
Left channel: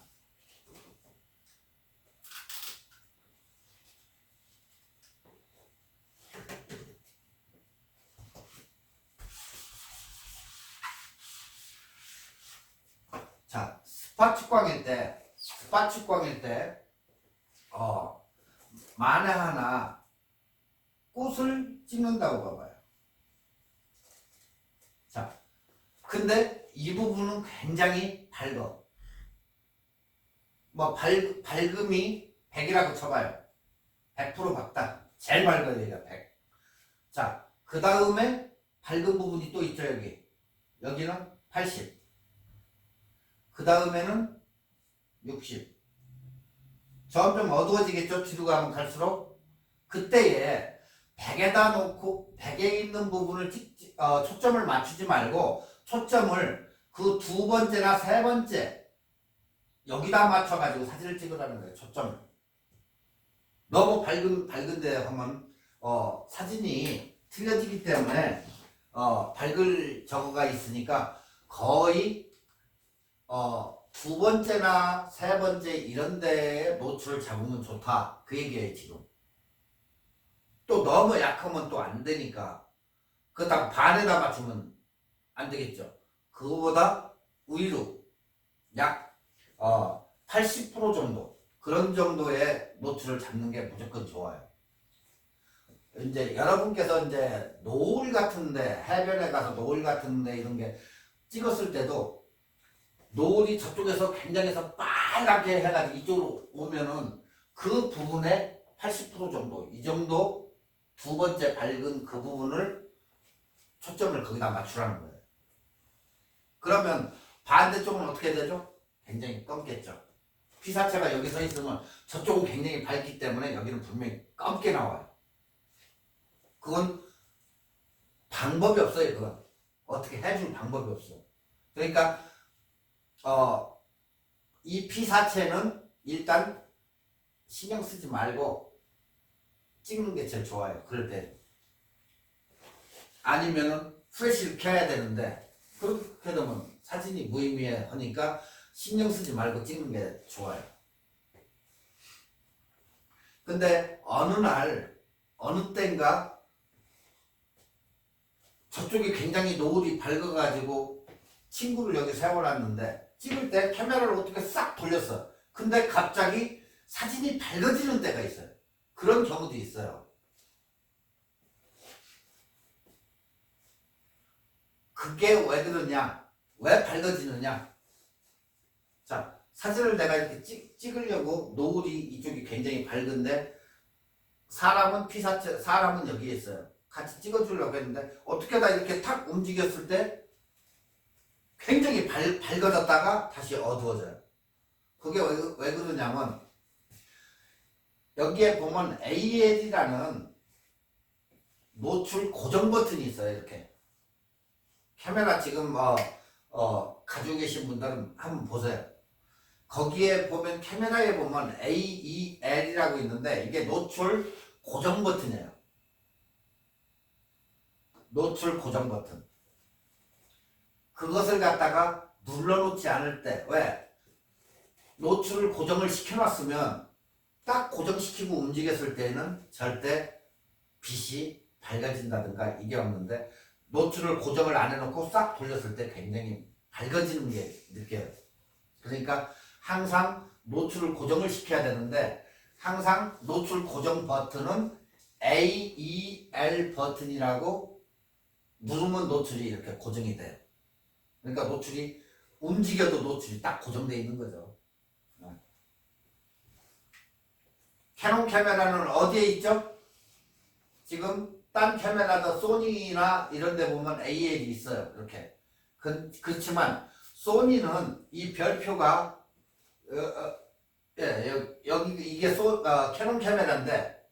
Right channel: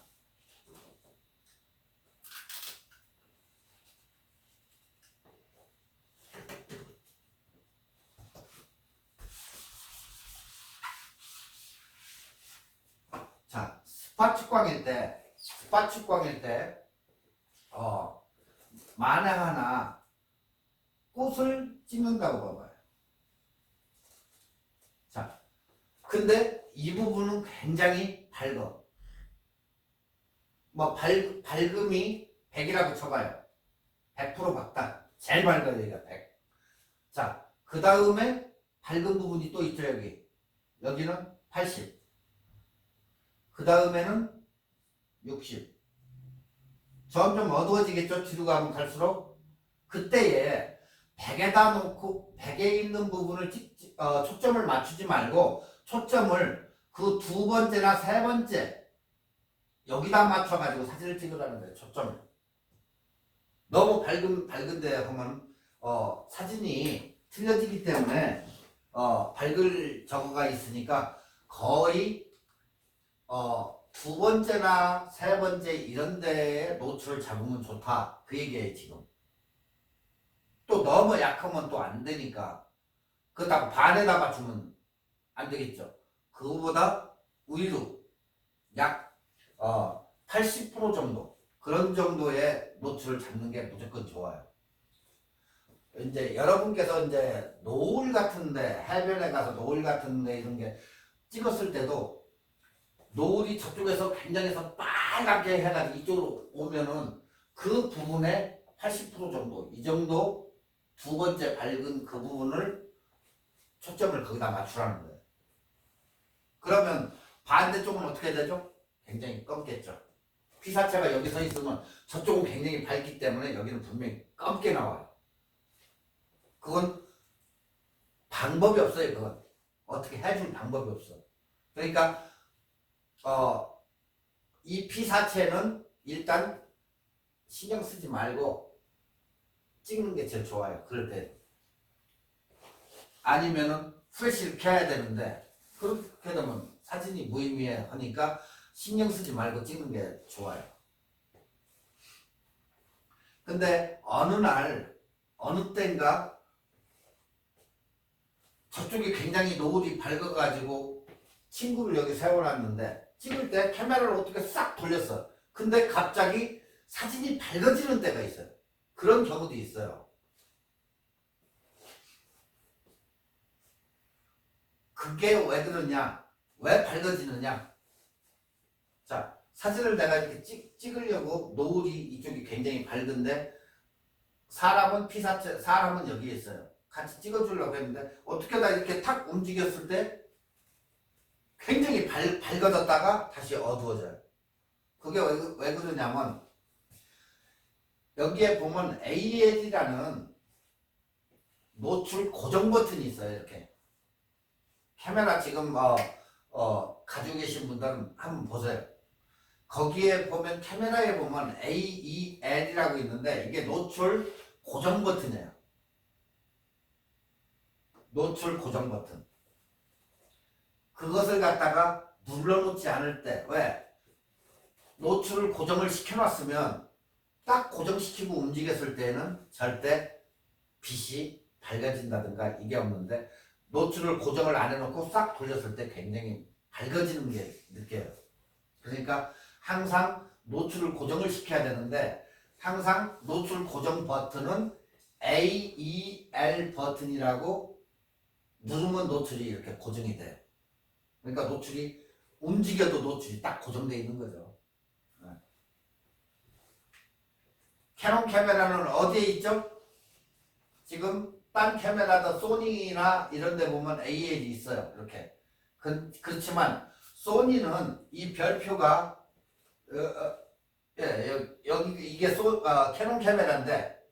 자, 스팟 측광일 때, 만약 하나 꽃을 찍는다고 봐봐요. 자, 근데 이 부분은 굉장히 밝아. 뭐 밝음이 100이라고 쳐봐요. 100% 밝다. 제일 밝아요, 얘가 100. 자, 그 다음에 밝은 부분이 또 있죠, 여기. 여기는 80. 그 다음에는 60. 점점 어두워지겠죠, 뒤로 가면 갈수록. 그때에 100에다 놓고 100에 있는 부분을 초점을 맞추지 말고 초점을 그 두 번째나 세 번째 여기다 맞춰가지고 사진을 찍으라는 거예요. 초점을. 너무 밝은데 하면 사진이 틀려지기 때문에 밝을 저거가 있으니까 거의 두 번째나 세 번째 이런 데에 노출을 잡으면 좋다. 그 얘기예요 지금. 또 너무 약하면 또 안 되니까 그렇다고 반에다 맞추면 안 되겠죠. 그거보다 위로 약 80% 정도 그런 정도의 노출을 잡는 게 무조건 좋아요. 이제 여러분께서 이제 노을 같은데 해변에 가서 노을 같은데 이런 게 찍었을 때도 노을이 저쪽에서 굉장해서 빨갛게 해가지고 이쪽으로 오면은 그 부분에 80% 정도 이 정도 두 번째 밝은 그 부분을 초점을 거기다 맞추라는 거예요. 그러면 반대쪽은 어떻게 되죠? 굉장히 검겠죠. 피사체가 여기 서 있으면 저쪽은 굉장히 밝기 때문에 여기는 분명히 검게 나와요. 그건 방법이 없어요. 그건 어떻게 해줄 방법이 없어. 그러니까 이 피사체는 일단 신경 쓰지 말고 찍는 게 제일 좋아요. 그럴 때 아니면은 프레시를 켜야 되는데 그렇게 되면 사진이 무의미해 하니까 신경 쓰지 말고 찍는 게 좋아요. 근데 어느 날 어느 때인가 저쪽이 굉장히 노을이 밝아가지고 친구를 여기 세워놨는데 찍을 때 카메라를 어떻게 싹 돌렸어. 근데 갑자기 사진이 밝아지는 때가 있어요. 그런 경우도 있어요. 그게 왜 그러냐? 왜 밝아지느냐? 자, 사진을 내가 이렇게 찍으려고 노을이 이쪽이 굉장히 밝은데 사람은 피사체, 사람은 여기에 있어요. 같이 찍어주려고 했는데 어떻게 하다 이렇게 탁 움직였을 때 굉장히 밝아졌다가 다시 어두워져요. 그게 왜 그러냐면 여기에 보면 AL이라는 노출 고정 버튼이 있어요. 이렇게 카메라 지금 가지고 계신 분들은 한번 보세요. 거기에 보면 카메라에 보면 AEL이라고 있는데 이게 노출 고정 버튼이에요. 노출 고정 버튼. 그것을 갖다가 눌러놓지 않을 때 왜? 노출을 고정을 시켜놨으면 딱 고정시키고 움직였을 때는 절대 빛이 밝아진다든가 이게 없는데 노출을 고정을 안 해놓고 싹 돌렸을 때 굉장히 밝아지는 게 느껴요. 그러니까 항상 노출을 고정을 시켜야 되는데 항상 노출 고정 버튼은 AEL 버튼이라고 누르면 노출이 이렇게 고정이 돼요. 그러니까 노출이 움직여도 노출이 딱 고정되어 있는 거죠. 캐논 카메라는 어디에 있죠? 지금 딴 카메라도 소니나 이런 데 보면 AL이 있어요. 이렇게. 그렇지만 소니는 이 별표가 여기 이게 캐논 카메라인데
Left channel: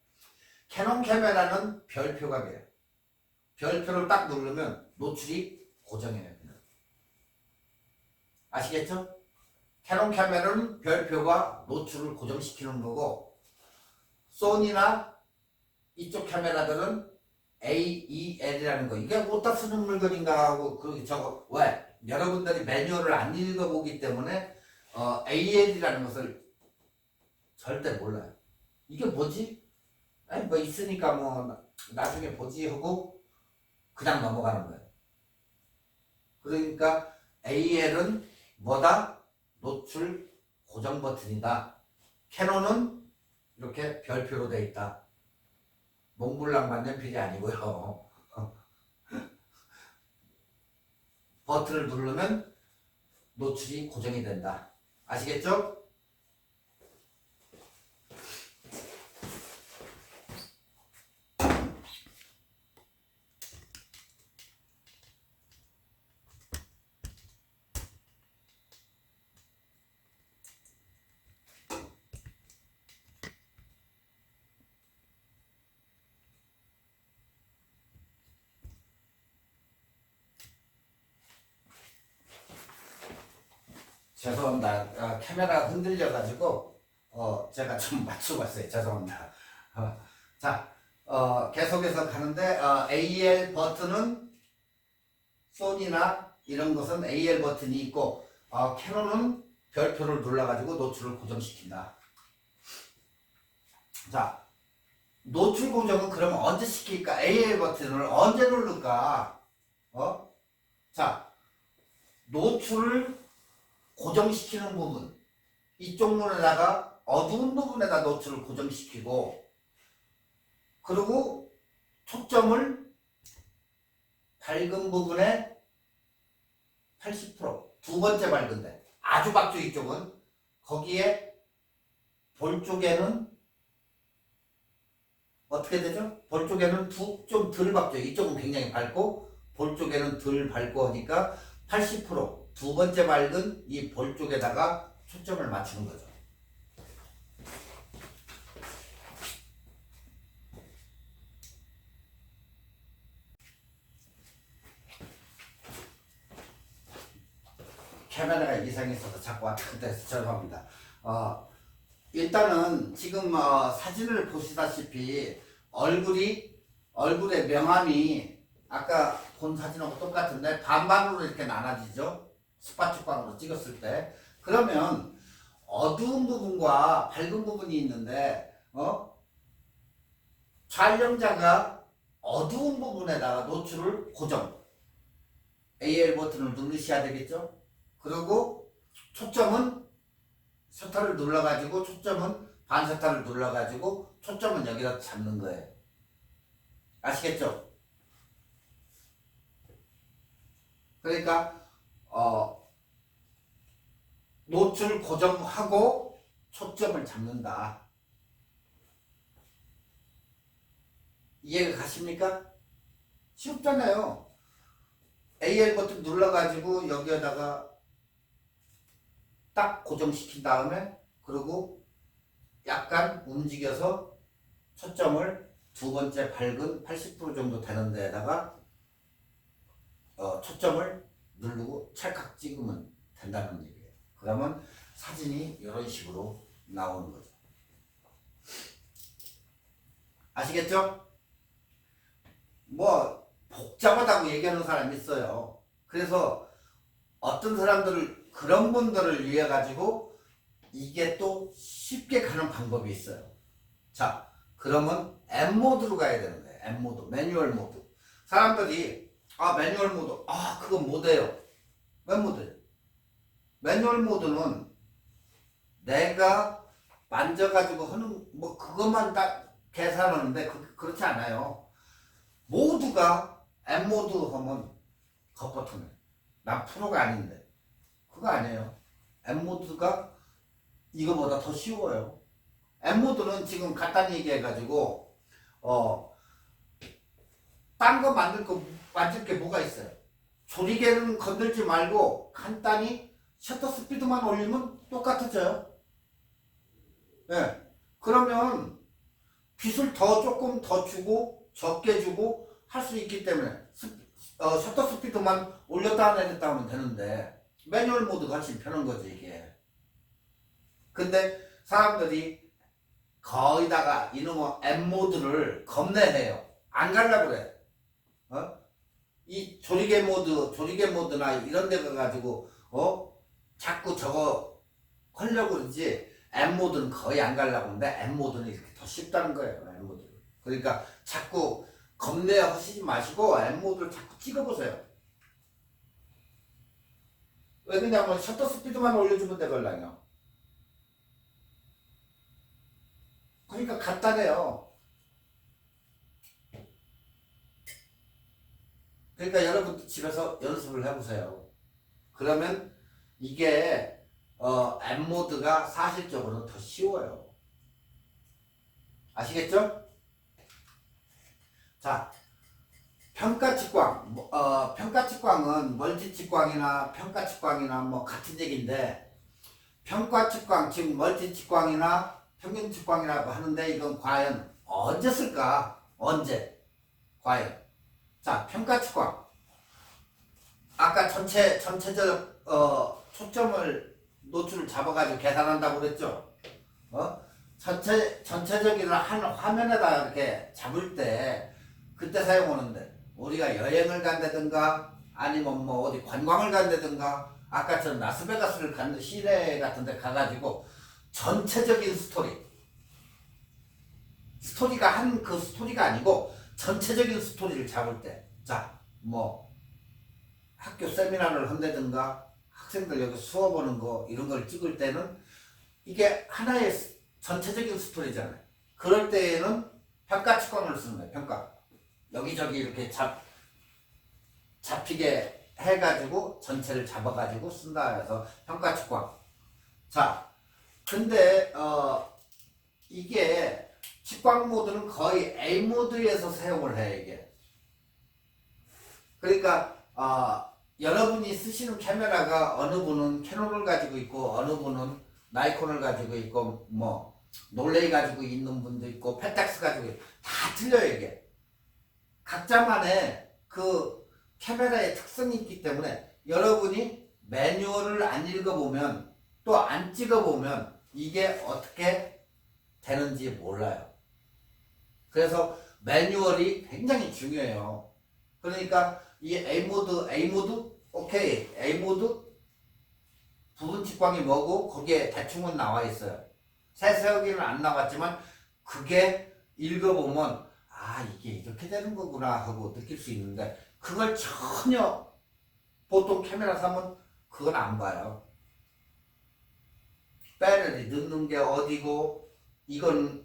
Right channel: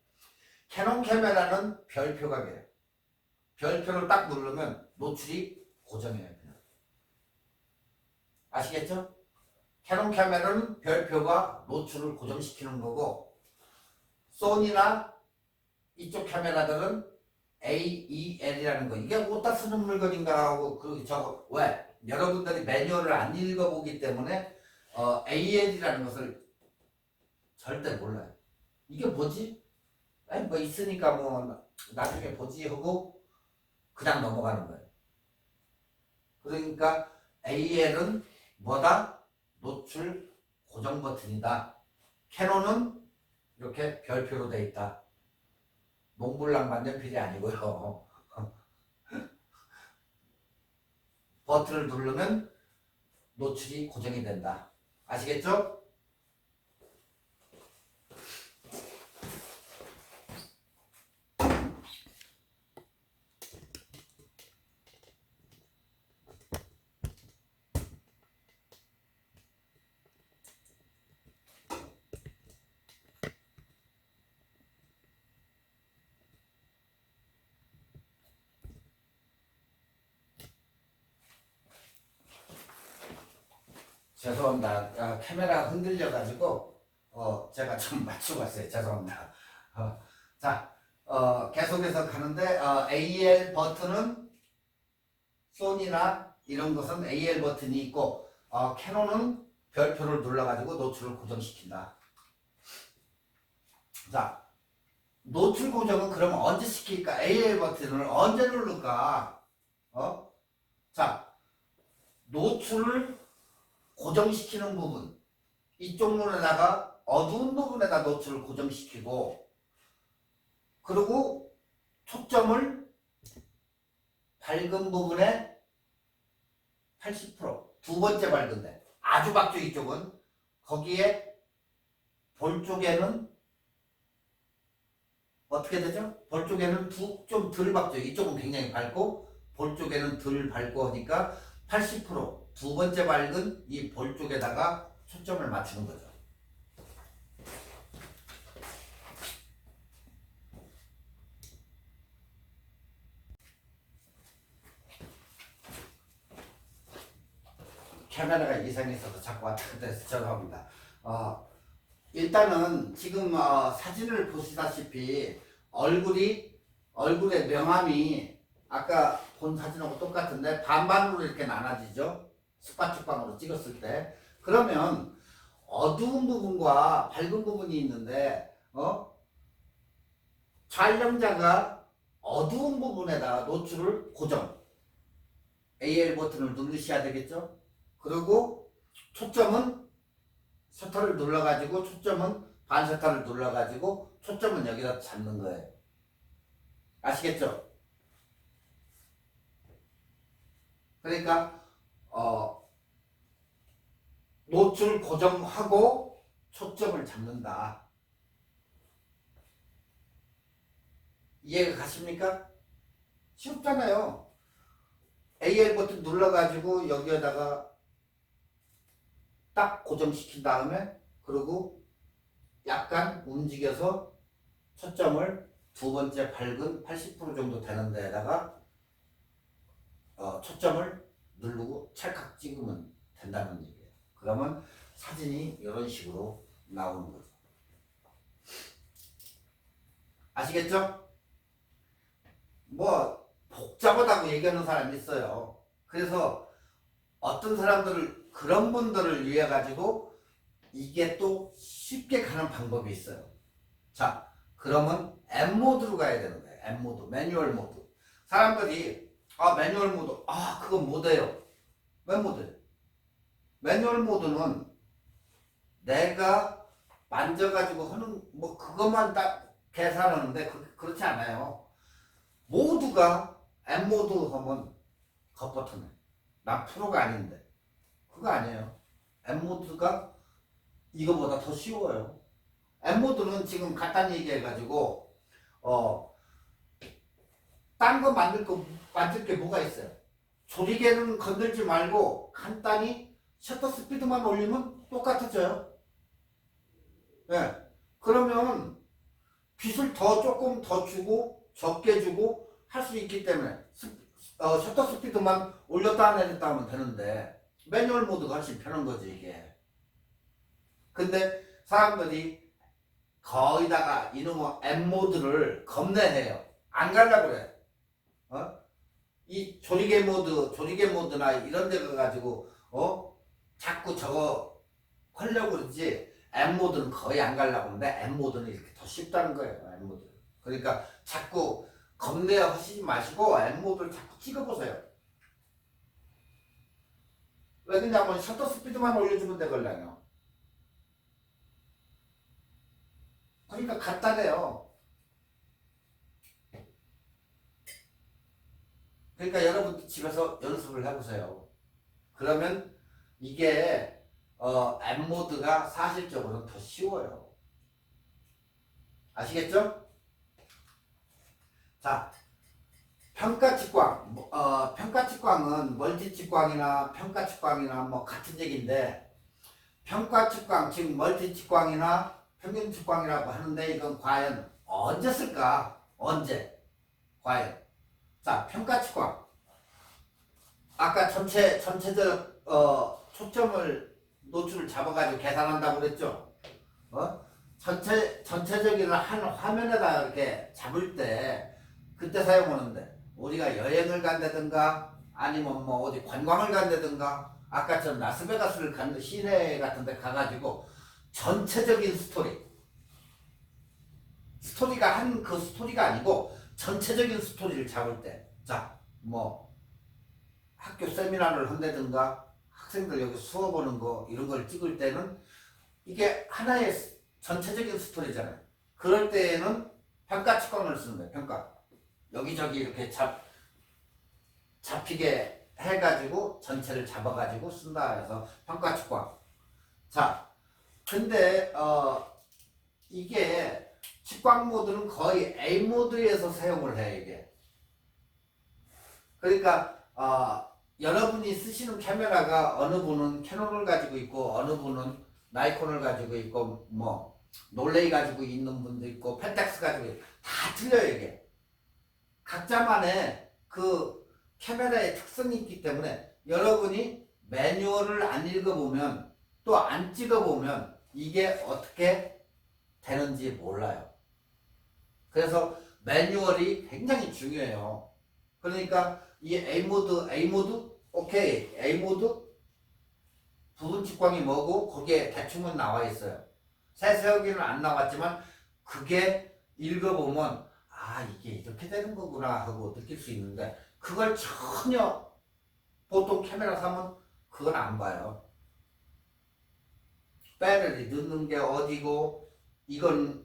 캐논 카메라는 별표가 돼요. 별표를 딱 누르면 노출이 고정이에요. 그냥. 아시겠죠? 캐논 카메라는 별표가 노출을 고정시키는 거고 소니나 이쪽 카메라들은 AEL이라는 거. 이게 어디다 쓰는 물건인가 하고 저거 왜? 여러분들이 매뉴얼을 안 읽어보기 때문에 AL이라는 것을 절대 몰라요. 이게 뭐지? 아니 뭐 있으니까 뭐 나중에 보지 하고 그냥 넘어가는 거예요. 그러니까 AL은 뭐다? 노출 고정 버튼이다. 캐논은 이렇게 별표로 되어 있다. 몽블랑 만년필이 아니고요. 버튼을 누르면 노출이 고정이 된다. 아시겠죠? 죄송합니다. 카메라가 흔들려가지고 제가 좀 맞추고 왔어요. 죄송합니다. 자, 계속해서 가는데 AL 버튼은 소니나 이런 것은 AL 버튼이 있고 캐논은 별표를 눌러가지고 노출을 고정시킨다. 자, 노출 고정은 그러면 언제 시킬까? AL 버튼을 언제 누를까? 자, 노출을 고정시키는 부분 이쪽 문에다가 어두운 부분에다 노출을 고정시키고 그리고 초점을 밝은 부분에 80%두 번째 밝은데 아주 밝죠. 이쪽은 거기에 볼 쪽에는 어떻게 되죠? 볼 쪽에는 좀 덜 밝죠. 이쪽은 굉장히 밝고 볼 쪽에는 덜 밝고 하니까 80%두 번째 밝은 이 볼 쪽에다가 초점을 맞추는 거죠. 카메라가 이상이 있어서 자꾸 왔다 갔다 해서 죄송합니다. 일단은 지금 사진을 보시다시피 얼굴의 명암이 아까 본 사진하고 똑같은데 반반으로 이렇게 나눠지죠. 스파축광으로 찍었을 때. 그러면 어두운 부분과 밝은 부분이 있는데 촬영자가 어두운 부분에다가 노출을 고정 AL 버튼을 누르셔야 되겠죠. 그리고 초점은 셔터를 눌러가지고 초점은 반셔터를 눌러가지고 초점은 여기다 잡는 거예요. 아시겠죠? 그러니까 노출 고정하고 초점을 잡는다. 이해가 가십니까? 쉽잖아요. AL 버튼 눌러가지고 여기에다가 딱 고정시킨 다음에 그리고 약간 움직여서 초점을 두 번째 밝은 80% 정도 되는 데에다가 초점을 누르고 찰칵 찍으면 된다는 얘기예요. 그러면 사진이 이런 식으로 나오는 거죠. 아시겠죠? 뭐 복잡하다고 얘기하는 사람이 있어요. 그래서 어떤 사람들을 그런 분들을 위해 가지고 이게 또 쉽게 가는 방법이 있어요. 자, 그러면 M 모드로 가야 되는 거예요. M 모드, 매뉴얼 모드. 사람들이 매뉴얼 모드, 그건 못해요. 왜 못해요? 매뉴얼 모드는 내가 만져가지고 하는 뭐 그것만 딱 계산하는데 그렇지 않아요. 모두가 M 모드 하면 겉버튼에 난 프로가 아닌데 그거 아니에요. M 모드가 이거보다 더 쉬워요. M 모드는 지금 간단히 얘기해가지고 딴 거 만들 게 뭐가 있어요? 조리개는 건들지 말고 간단히 셔터 스피드만 올리면 똑같아져요. 네. 그러면 빛을 조금 더 주고 적게 주고 할 수 있기 때문에 셔터 스피드만 올렸다 내렸다 하면 되는데 매뉴얼 모드가 훨씬 편한 거지 이게. 근데 사람들이 거의다가 이놈의 M 모드를 겁내해요. 안 갈라 그래. 이 조리개 모드나 이런 데 가가지고 자꾸 저거 하려고 그러지. M 모드는 거의 안 가려고 하는데 M 모드는 이렇게 더 쉽다는 거예요. M 모드. 그러니까 자꾸 겁내 하시지 마시고 M 모드를 자꾸 찍어보세요. 왜 그냐면 셔터 스피드만 올려주면 되걸랑요. 그러니까 간단해요. 그러니까 여러분 집에서 연습을 해보세요. 그러면 이게 M 모드가 사실적으로는 더 쉬워요. 아시겠죠? 자, 평가 직광. 평가 직광은 멀티 직광이나 평가 직광이나 뭐 같은 얘기인데 평가 직광, 즉 멀티 직광이나 평균 직광이라고 하는데 이건 과연 언제 쓸까? 언제? 과연. 자, 평가 직광. 아까 전체적 초점을 노출을 잡아가지고 계산한다고 그랬죠? 전체적인 한 화면에다 이렇게 잡을 때 그때 사용하는데 우리가 여행을 간다든가 아니면 뭐 어디 관광을 간다든가 아까처럼 라스베가스를 간 시내 같은 데 가가지고 전체적인 스토리가 한 그 스토리가 아니고 전체적인 스토리를 잡을 때 자, 뭐 학교 세미나를 한다든가 학생들 여기 수업 오는 거 이런 걸 찍을 때는 이게 하나의 전체적인 스토리잖아요. 그럴 때에는 평가 측광을 쓰는 거예요. 평가. 여기저기 이렇게 잡히게 해가지고 전체를 잡아가지고 쓴다 해서 평가 측광. 자, 근데 이게 측광 모드는 거의 A 모드에서 사용을 해 이게. 그러니까 여러분이 쓰시는 카메라가 어느 분은 캐논을 가지고 있고 어느 분은 나이콘을 가지고 있고 뭐 놀레이 가지고 있는 분도 있고 펜탁스 가지고 있고 다 틀려요 이게. 각자만의 그 카메라의 특성이 있기 때문에 여러분이 매뉴얼을 안 읽어보면 또 안 찍어보면 이게 어떻게 되는지 몰라요. 그래서 매뉴얼이 굉장히 중요해요. 그러니까 이 A 모드 오케이. A 모드 부분 측광이 뭐고 거기에 대충은 나와 있어요. 세세하게는 안 나왔지만 그게 읽어보면 이게 이렇게 되는 거구나 하고 느낄 수 있는데 그걸 전혀 보통 카메라 사면 그건 안 봐요. 배터리 넣는 게 어디고 이건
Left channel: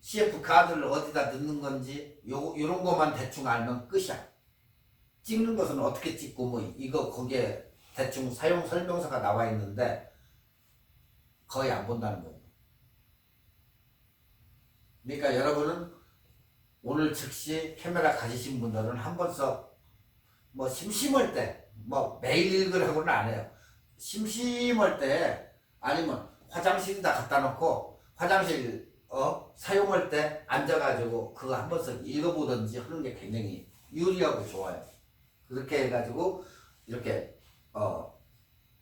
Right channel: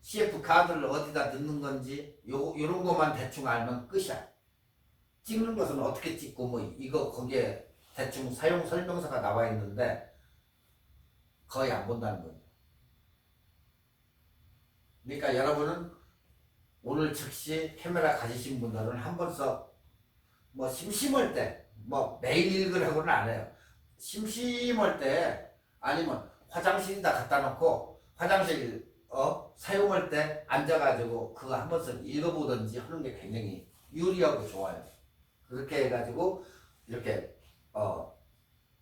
CF 카드를 어디다 넣는 건지 요런 것만 대충 알면 끝이야. 찍는 것은 어떻게 찍고 뭐 이거 거기에 대충 사용 설명서가 나와 있는데 거의 안 본다는 거예요. 그러니까 여러분은 오늘 즉시 카메라 가지신 분들은 한 번씩 뭐 심심할 때, 뭐 매일 읽으라고는 안 해요. 심심할 때 아니면 화장실에다 갖다 놓고 화장실 사용할 때 앉아가지고 그거 한 번씩 읽어보든지 하는 게 굉장히 유리하고 좋아요. 그렇게 해가지고 이렇게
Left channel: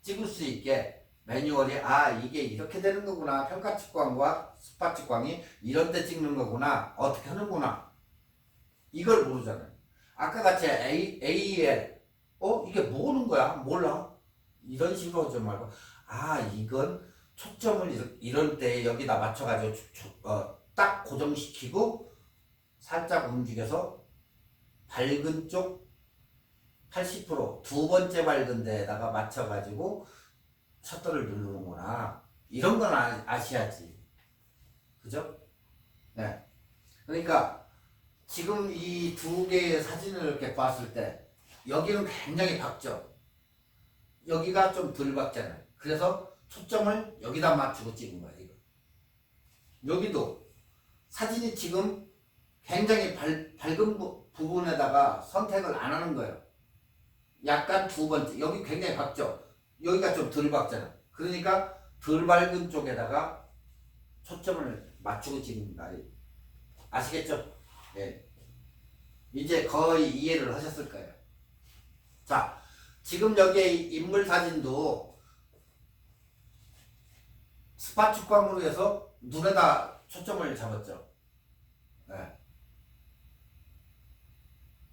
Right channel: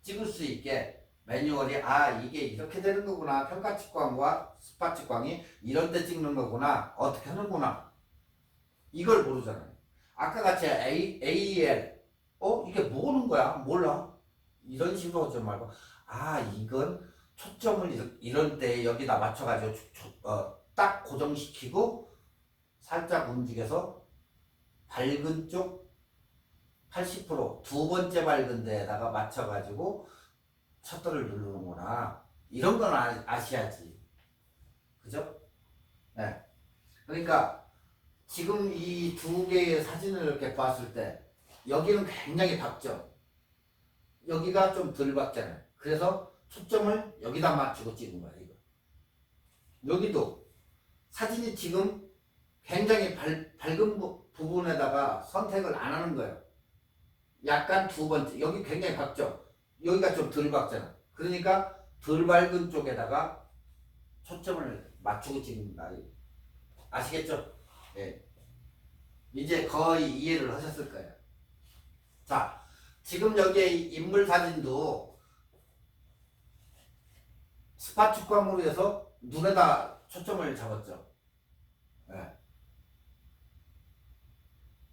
찍을 수 있게 매뉴얼이 이게 이렇게 되는 거구나, 평가 측광과 스팟 측광이 이런 때 찍는 거구나, 어떻게 하는구나, 이걸 모르잖아요. 아까 같이 AEL 이게 뭐는 거야? 몰라. 이런 식으로 하지 말고 이건 초점을 이런 때 여기다 맞춰가지고 딱 고정시키고 살짝 움직여서 밝은 쪽 80%두 번째 밝은 데에다가 맞춰가지고 셔터를 누르는구나. 이런 건 아셔야지. 그죠? 네. 그러니까 지금 이 두 개의 사진을 이렇게 봤을 때 여기는 굉장히 밝죠. 여기가 좀 덜 밝잖아요. 그래서 초점을 여기다 맞추고 찍은 거예요. 이거. 여기도 사진이 지금 굉장히 밝은 부분에다가 선택을 안 하는 거예요. 약간 두 번째, 여기 굉장히 밝죠. 여기가 좀 덜 밝잖아. 그러니까 덜 밝은 쪽에다가 초점을 맞추고 찍는 거예요. 아시겠죠? 네. 이제 거의 이해를 하셨을 거예요. 자, 지금 여기에 인물 사진도 스팟 측광으로 해서 눈에다 초점을 잡았죠. 네.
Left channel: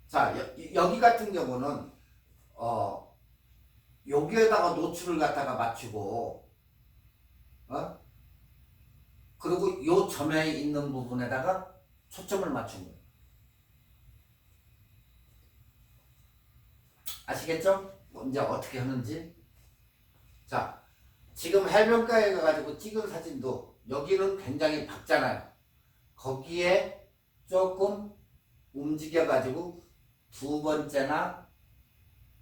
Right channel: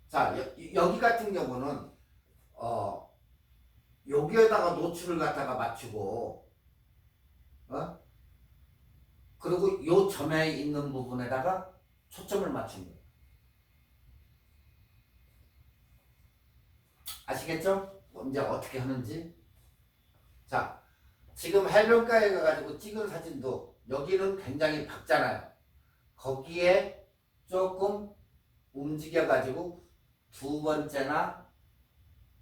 자, 여기 같은 경우는 여기에다가 노출을 갖다가 맞추고 그리고 요 점에 있는 부분에다가 초점을 맞춘 거예요. 아시겠죠? 이제 어떻게 하는지. 자, 지금 해변가에 가가지고 찍은 사진도 여기는 굉장히 밝잖아요. 거기에 조금 움직여가지고 두 번째나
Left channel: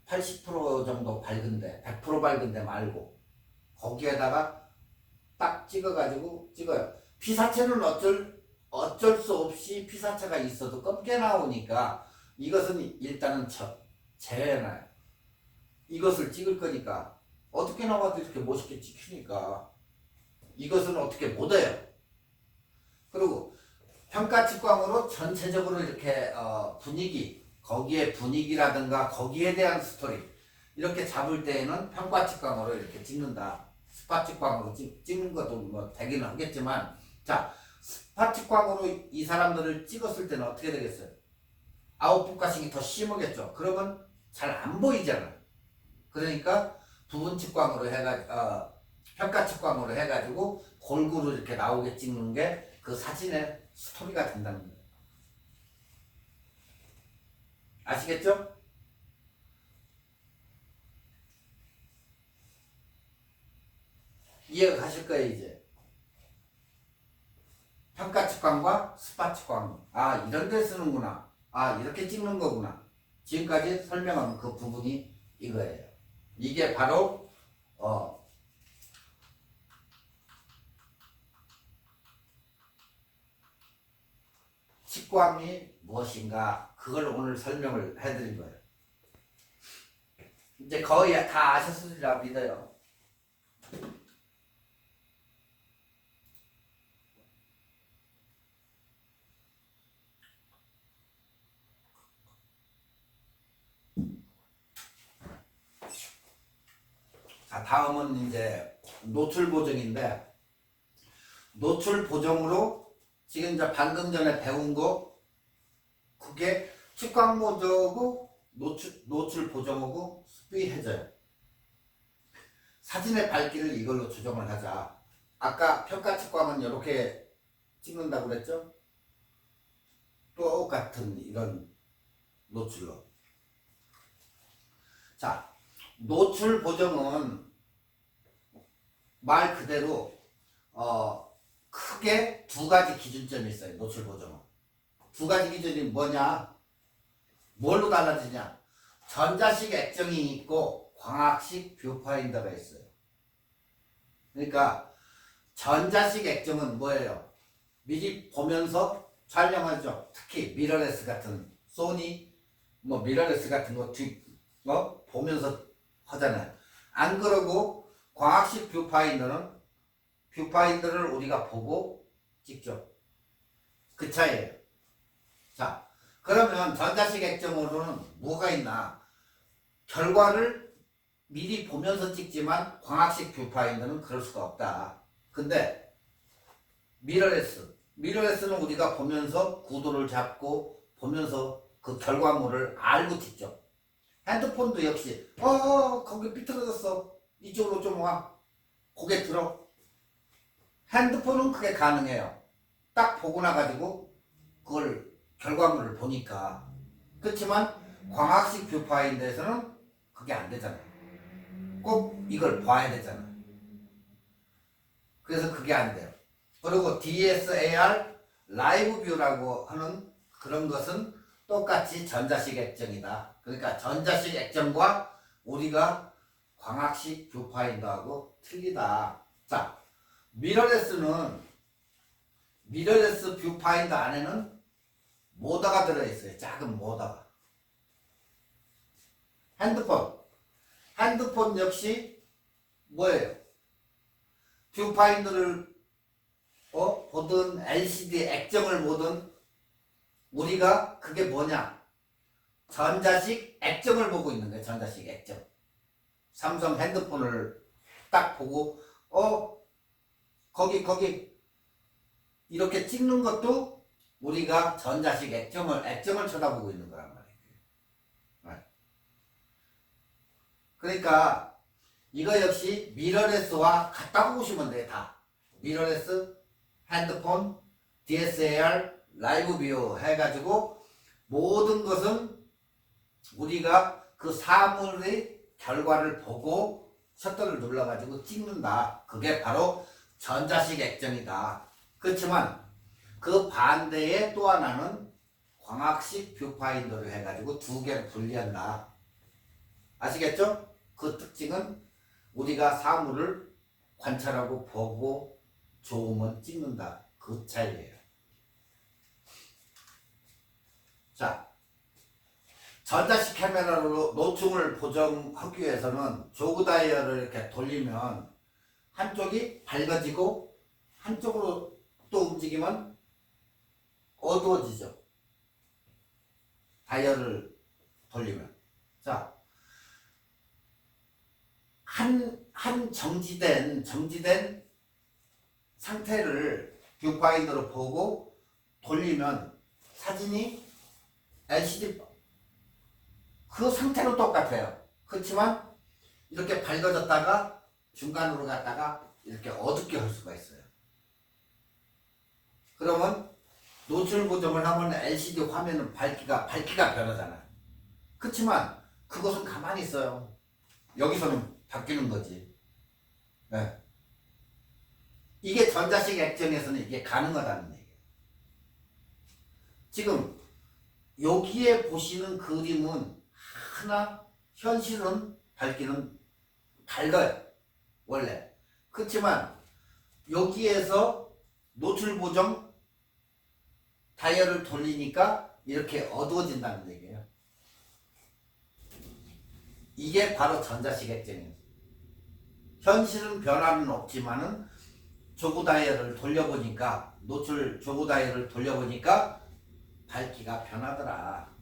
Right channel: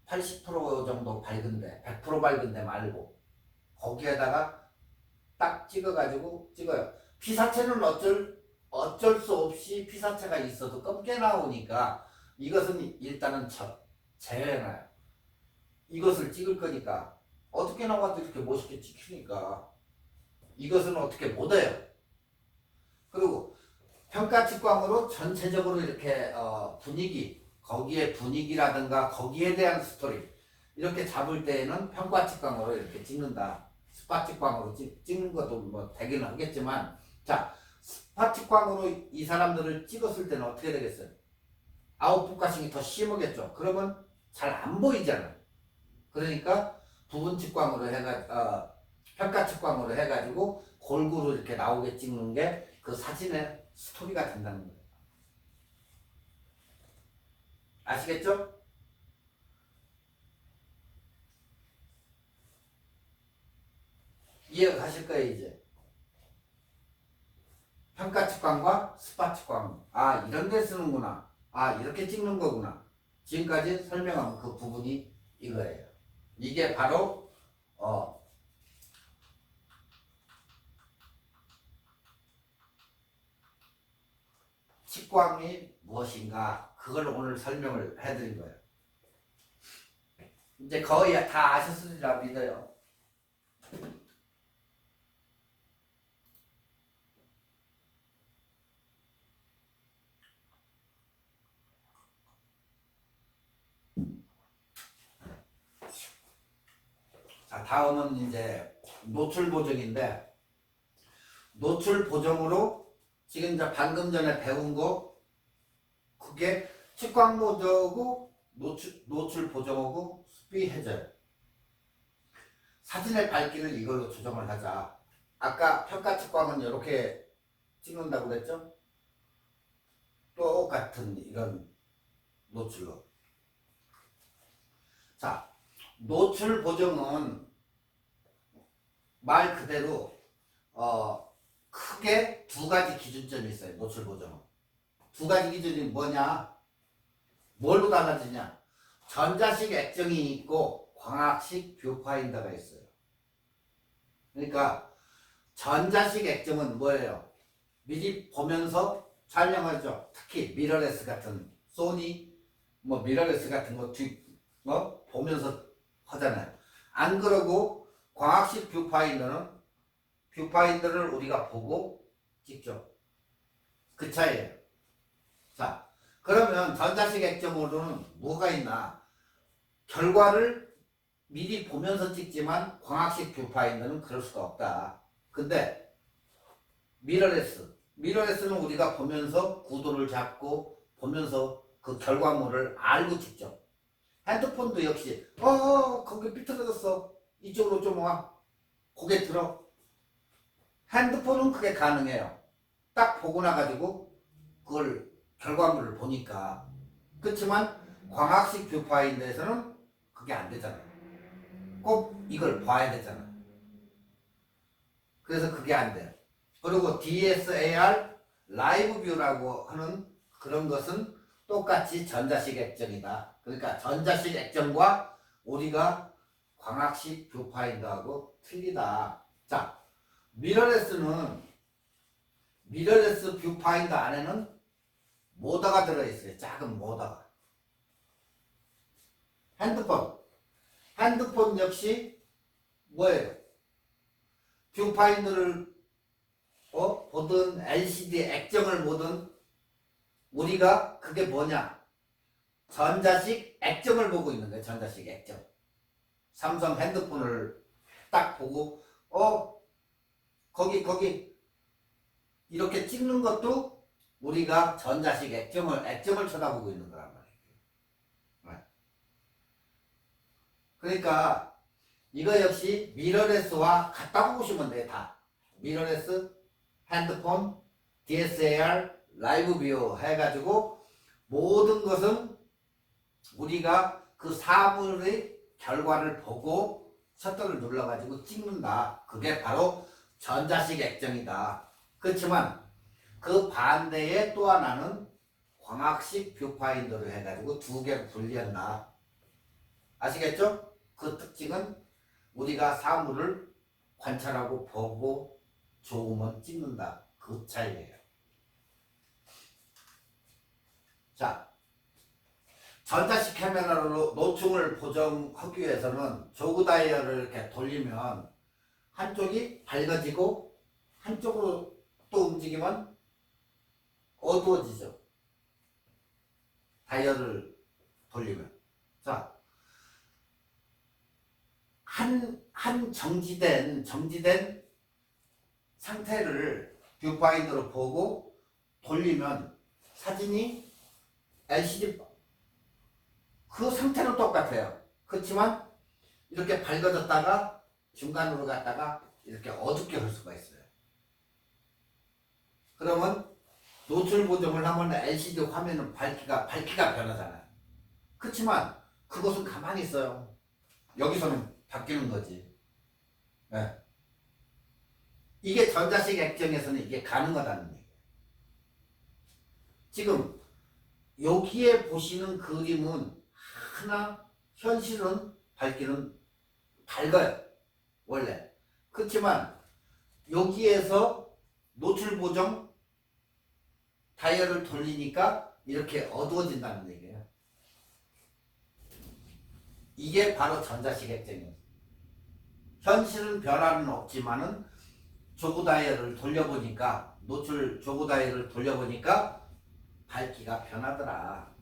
80% 정도 밝은데 100% 밝은데 말고 거기에다가 딱 찍어가지고 찍어요. 피사체는 어쩔 수 없이 피사체가 있어도 검게 나오니까 이것은 일단은 제외해놔요. 이것을 찍을 거니까 어떻게 나와도 이렇게 멋있게 찍히니까 이것은 어떻게 못해요. 그리고 평가 측광으로 전체적으로 이렇게 분위기, 거기에 분위기라든가 거기에 대한 스토리 이렇게 잡을 때에는 평가 측광으로 이렇게 찍는다. 스팟 측광으로 찍는 것도 뭐 되기는 하겠지만, 자, 스팟 측광으로 이 사람들을 찍었을 때는 어떻게 되겠어요? 아웃포커싱이 더 심하겠죠. 그러면 잘 안 보이잖아요. 그러니까 부분 측광으로 평가 측광으로 해가지고 골고루 이렇게 나오게 찍는 게 그 사진의 스토리가 된다는 거예요. 아시겠죠? 이해가 가실 거예요, 이제. 평가 측광과 스팟 측광. 이런 데 쓰는구나. 이렇게 찍는 거구나. 지금까지 설명한 그 부분이 이거예요. 이게 바로 측광이 무엇인가, 그걸 오늘 설명을 해드린 거예요. 이제 거의 다 아셨으리라 믿어요. 자, 다음은 이제 노출 보정인데, 노출 보정으로 지금 이제 방금 전에 배운 거, 그게 측광 보정하고 노출 보정하고 수비해져요. 사진의 밝기를 이걸로 조정을 하자. 아까 평가 측광은 이렇게 찍는다고 그랬죠? 똑같은 이런 노출로. 자, 노출 보정은 말 그대로 크게 두 가지 기준점이 있어요. 노출 보정은 두 가지 기준이 뭐냐? 뭘로 달라지냐? 전자식 액정이 있고 광학식 뷰파인더가 있어요. 그러니까 전자식 액정은 뭐예요? 미리 보면서 촬영하죠. 특히 미러레스 같은 소니 뭐 미러레스 같은 거 보면서 하잖아요. 안 그러고 광학식 뷰파인더는 뷰파인더를 우리가 보고 찍죠. 그 차이예요. 자, 그러면 전자식 액정으로는 뭐가 있나? 결과를 미리 보면서 찍지만 광학식 뷰파인더는 그럴 수가 없다. 근데 미러레스는 우리가 보면서 구도를 잡고 보면서 그 결과물을 알고 찍죠. 핸드폰도 역시 거기 삐뚤어졌어. 이쪽으로 좀 와. 고개 들어. 핸드폰은 그게 가능해요. 딱 보고 나가지고 그걸 결과물을 보니까. 그렇지만 광학식 뷰파인더에서는 그게 안 되잖아요. 꼭 이걸 봐야 되잖아요. 그래서 그게 안 돼요. 그리고 DSAR 라이브 뷰라고 하는 그런 것은 똑같이 전자식 액정이다. 그러니까 전자식 액정과 우리가 광학식 뷰파인더하고 틀리다. 자, 미러레스 뷰파인더 안에는 모더가 들어있어요. 작은 모더가. 핸드폰 역시 뭐예요? 뷰파인더를 보든 LCD 액정을 보든 우리가 그게 뭐냐? 전자식 액정을 보고 있는 거예요. 전자식 액정. 삼성 핸드폰을 딱 보고 거기 이렇게 찍는 것도 우리가 전자식 액정을 쳐다보고 있는 거란 말이에요. 그러니까 이거 역시 미러레스와 같다고 보시면 돼요. 다. 미러레스, 핸드폰, DSLR, 라이브 뷰 해가지고 모든 것은 우리가 그 사물의 결과를 보고 셔터를 눌러가지고 찍는다. 그게 바로 전자식 액정이다. 그렇지만 그 반대에 또 하나는 광학식 뷰파인더로 해가지고 두 개를 분리한다. 아시겠죠? 그 특징은 우리가 사물을 관찰하고 보고 좋으면 찍는다. 그 차이예요. 자, 전자식 카메라로 노충을 보정하기 위해서는 조그 다이얼을 이렇게 돌리면 한쪽이 밝아지고 한쪽으로 또 움직이면 어두워지죠. 다이얼을 돌리면. 자, 한 정지된 상태를 뷰파인더로 보고 돌리면 사진이 LCD 그 상태는 똑같아요. 그렇지만 이렇게 밝아졌다가 중간으로 갔다가 이렇게 어둡게 할 수가 있어요. 그러면 노출 보정을 하면 LCD 화면은 밝기가 변하잖아요. 그렇지만 그것은 가만히 있어요. 여기서는 바뀌는 거지. 네. 이게 전자식 액정에서는 이게 가능하다는 얘기예요. 지금 여기에 보시는 그림은 하나 현실은 밝기는 밝아요. 원래. 그렇지만 여기에서 노출 보정 다이얼을 돌리니까 이렇게 어두워진다는 얘기예요. 이게 바로 전자식 액정이에요. 현실은 변화는 없지만은 조그 다이얼을 돌려보니까 노출 조그 다이얼을 돌려보니까 밝기가 변하더라.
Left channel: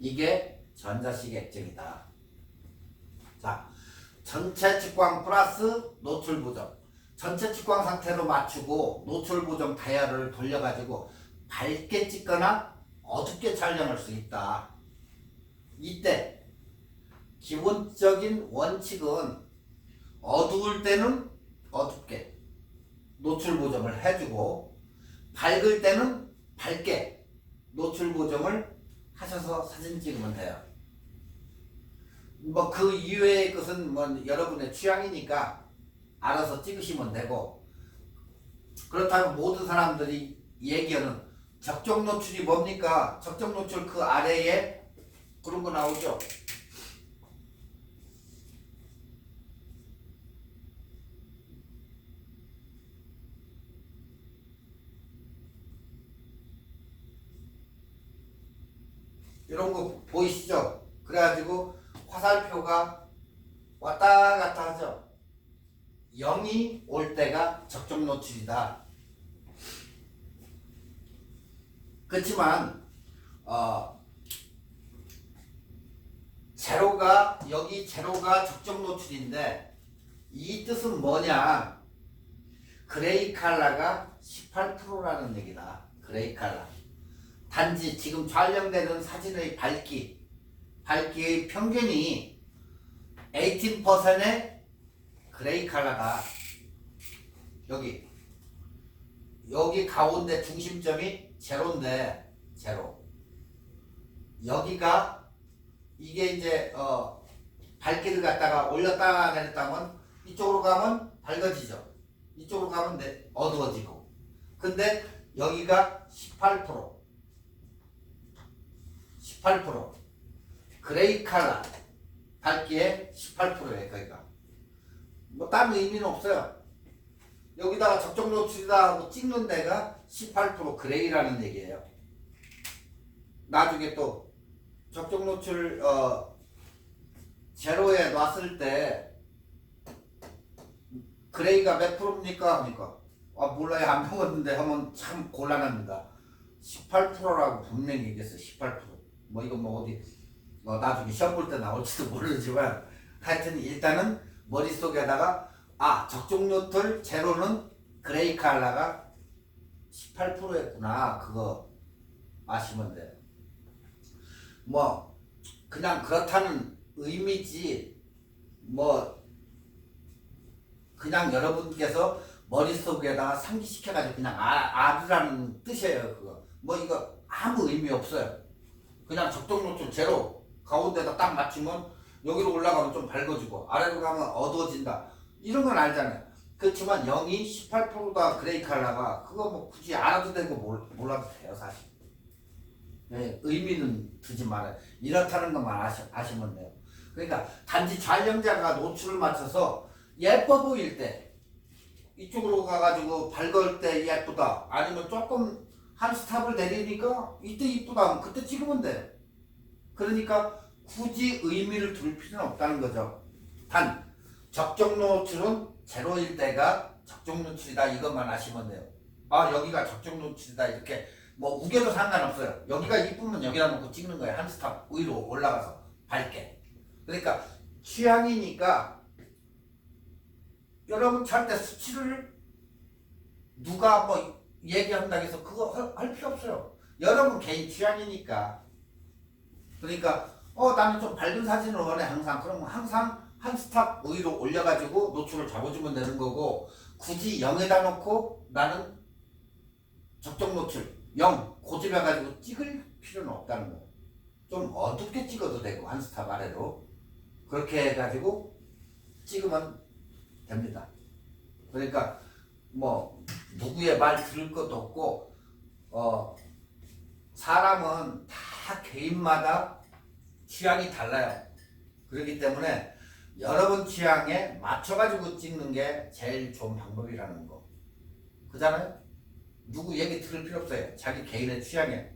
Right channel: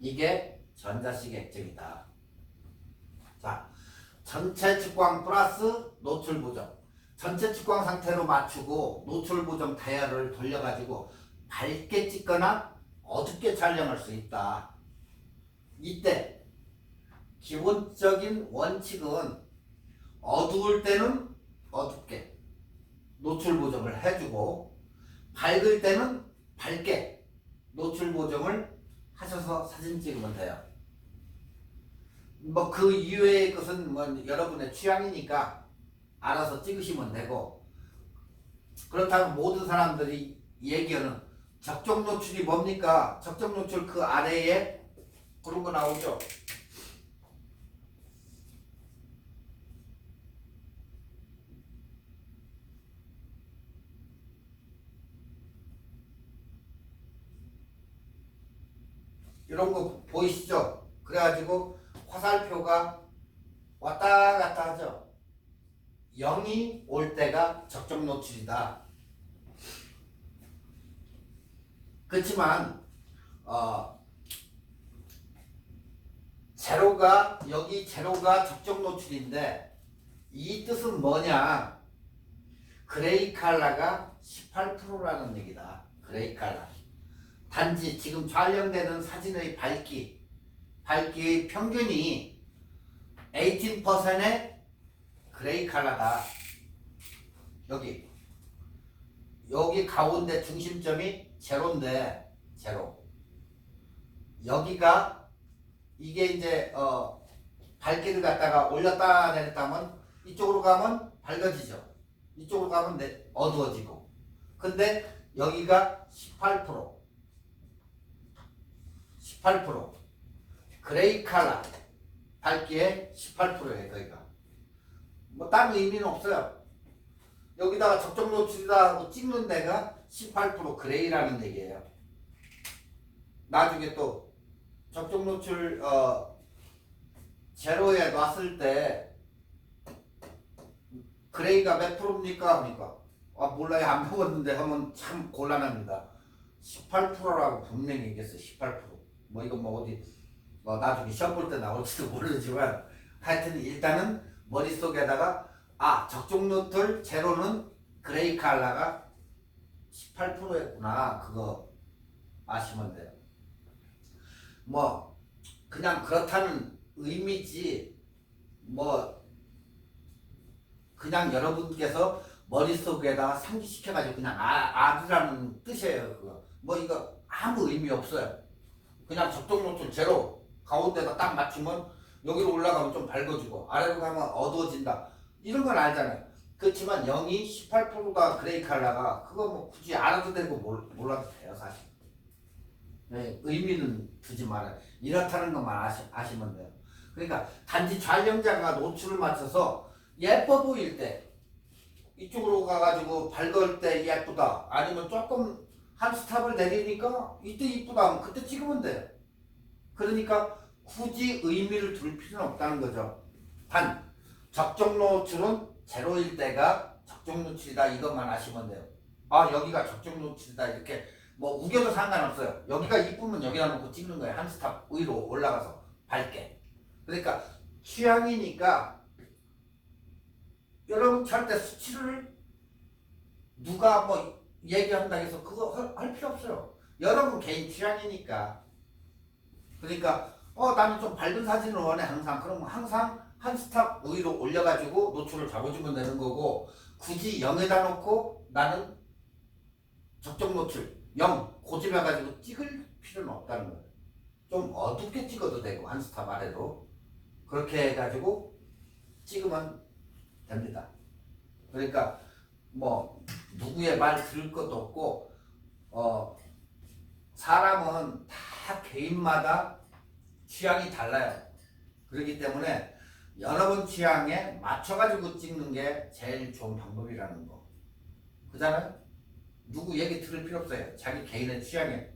이게 전자식 액정이다. 자, 전체 측광 플러스 노출 보정. 전체 측광 상태로 맞추고 노출 보정 다이얼을 돌려가지고 밝게 찍거나 어둡게 촬영할 수 있다. 이때 기본적인 원칙은 어두울 때는 어둡게 노출 보정을 해주고 밝을 때는 밝게 노출 보정을 하셔서 사진 찍으면 돼요. 뭐 그 이외의 것은 뭐 여러분의 취향이니까 알아서 찍으시면 되고, 그렇다면 모든 사람들이 얘기하는 적정 노출이 뭡니까? 적정 노출 그 아래에 그런 거 나오죠. 이런 거 보이시죠? 그래가지고 화살표가 왔다 갔다 하죠. 0이 올 때가 적정 노출이다. 그렇지만 제로가 여기 제로가 적정 노출인데 이 뜻은 뭐냐? 그레이 칼라가 18%라는 얘기다. 그레이 칼라. 단지 지금 촬영되는 사진의 밝기의 평균이 18%의 그레이 칼라다. 여기 가운데 중심점이 제로인데 제로. 여기가 이게 이제 밝기를 갖다가 올렸다 내렸다 하면 이쪽으로 가면 밝아지죠. 이쪽으로 가면 어두워지고. 근데 여기가 18% 그레이 칼라 밝기의 18%예요. 거기가 뭐 다른 의미는 없어요. 여기다가 적정 노출이다 하고 찍는 데가 18% 그레이라는 얘기예요. 나중에 또 적정 노출 제로에 놨을 때 그레이가 몇 프로입니까? 하니까 몰라요. 안 배웠는데 하면 참 곤란합니다. 18%라고 분명히 얘기했어요. 18%. 뭐 이거 뭐 어디 나중에 시험 볼 때 나올지도 모르지만 하여튼 일단은 머릿속에다가 적정 노출 제로는 그레이 칼라가 18%였구나. 그거 아시면 돼요. 뭐 그냥 그렇다는 의미지 뭐 그냥 여러분께서 머릿속에다가 상기시켜가지고 그냥 아르라는 뜻이에요. 그거 뭐 이거 아무 의미 없어요. 그냥 적정 노출 제로 가운데다 딱 맞추면 여기로 올라가면 좀 밝아지고 아래로 가면 어두워진다. 이런 건 알잖아요. 그렇지만 0이 18%가 그레이 칼라가 그거 뭐 굳이 알아도 되고 몰라도 돼요. 사실 네, 의미는 두지 말아요. 이렇다는 것만 아시면 돼요. 그러니까 단지 촬영자가 노출을 맞춰서 예뻐 보일 때 이쪽으로 가가지고 밝을 때 예쁘다. 아니면 조금 한 스탑을 내리니까 이때 이쁘다 하면 그때 찍으면 돼요. 그러니까 굳이 의미를 둘 필요는 없다는 거죠. 단 적정 노출은 제로일 때가 적정 노출이다. 이것만 아시면 돼요. 여기가 적정 노출이다. 이렇게 뭐 우겨도 상관없어요. 여기가 이쁘면 여기다 놓고 찍는 거예요. 한 스탑 위로 올라가서 밝게. 그러니까 취향이니까 여러분 절대 수치를 누가 뭐 얘기한다고 해서 그거 할 필요 없어요. 여러분 개인 취향이니까. 그러니까 나는 좀 밝은 사진을 원해 항상. 그럼 항상 한 스탑 위로 올려가지고 노출을 잡아주면 되는 거고 굳이 0에다 놓고 나는 적정 노출 0 고집해가지고 찍을 필요는 없다는 거예요. 좀 어둡게 찍어도 되고 한 스탑 아래로 그렇게 해가지고 찍으면 됩니다. 그러니까 뭐 누구의 말 들을 것도 없고 사람은 다 개인마다 취향이 달라요. 그렇기 때문에 여러분 취향에 맞춰가지고 찍는 게 제일 좋은 방법이라는 거. 그잖아요? 누구 얘기 들을 필요 없어요. 자기 개인의 취향에.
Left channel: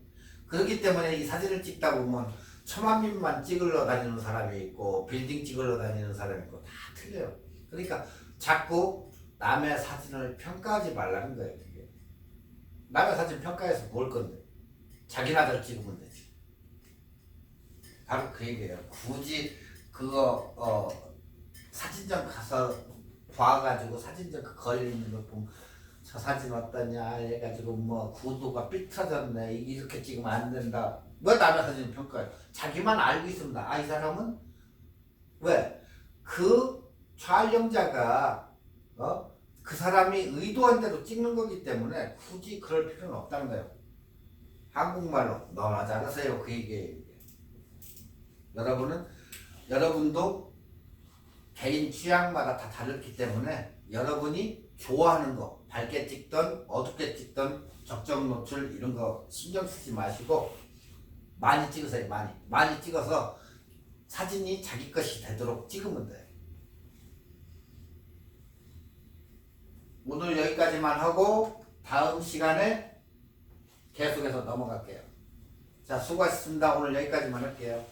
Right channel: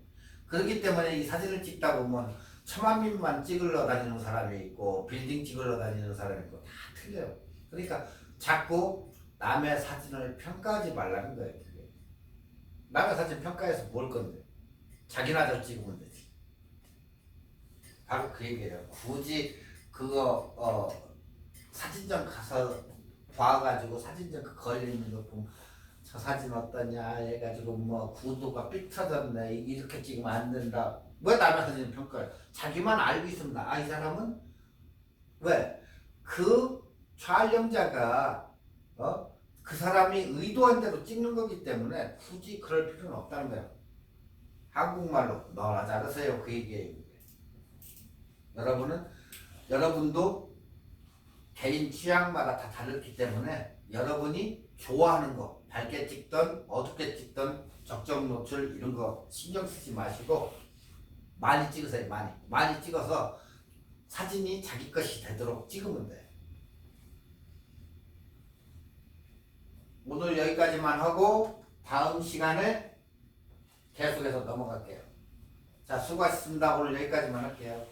그렇기 때문에 이 사진을 찍다 보면 천만민만 찍으러 다니는 사람이 있고 빌딩 찍으러 다니는 사람이 있고 다 틀려요. 그러니까 자꾸 남의 사진을 평가하지 말라는 거예요. 그게. 남의 사진 평가해서 뭘 건데. 자기나 잘 찍으면 되지. 바로 그 얘기예요. 굳이 그거 사진전 가서 봐가지고 사진전 그 걸리는 거 보면 저 사진 어떠냐 해가지고 뭐 구도가 삐뚤어졌네 이렇게 찍으면 안 된다. 왜 남의 사진 평가해? 자기만 알고 있습니다. 이 사람은 왜? 그 촬영자가 그 사람이 의도한 대로 찍는 거기 때문에 굳이 그럴 필요는 없다는 거예요. 한국말로 너나 잘하세요. 그 얘기예요. 여러분도 개인 취향마다 다 다르기 때문에 여러분이 좋아하는 거 밝게 찍던 어둡게 찍던 적정 노출 이런 거 신경 쓰지 마시고 많이 찍으세요. 많이 찍어서 사진이 자기 것이 되도록 찍으면 돼요. 오늘 여기까지만 하고 다음 시간에 계속해서 넘어갈게요. 자, 수고하셨습니다. 오늘 여기까지만 할게요.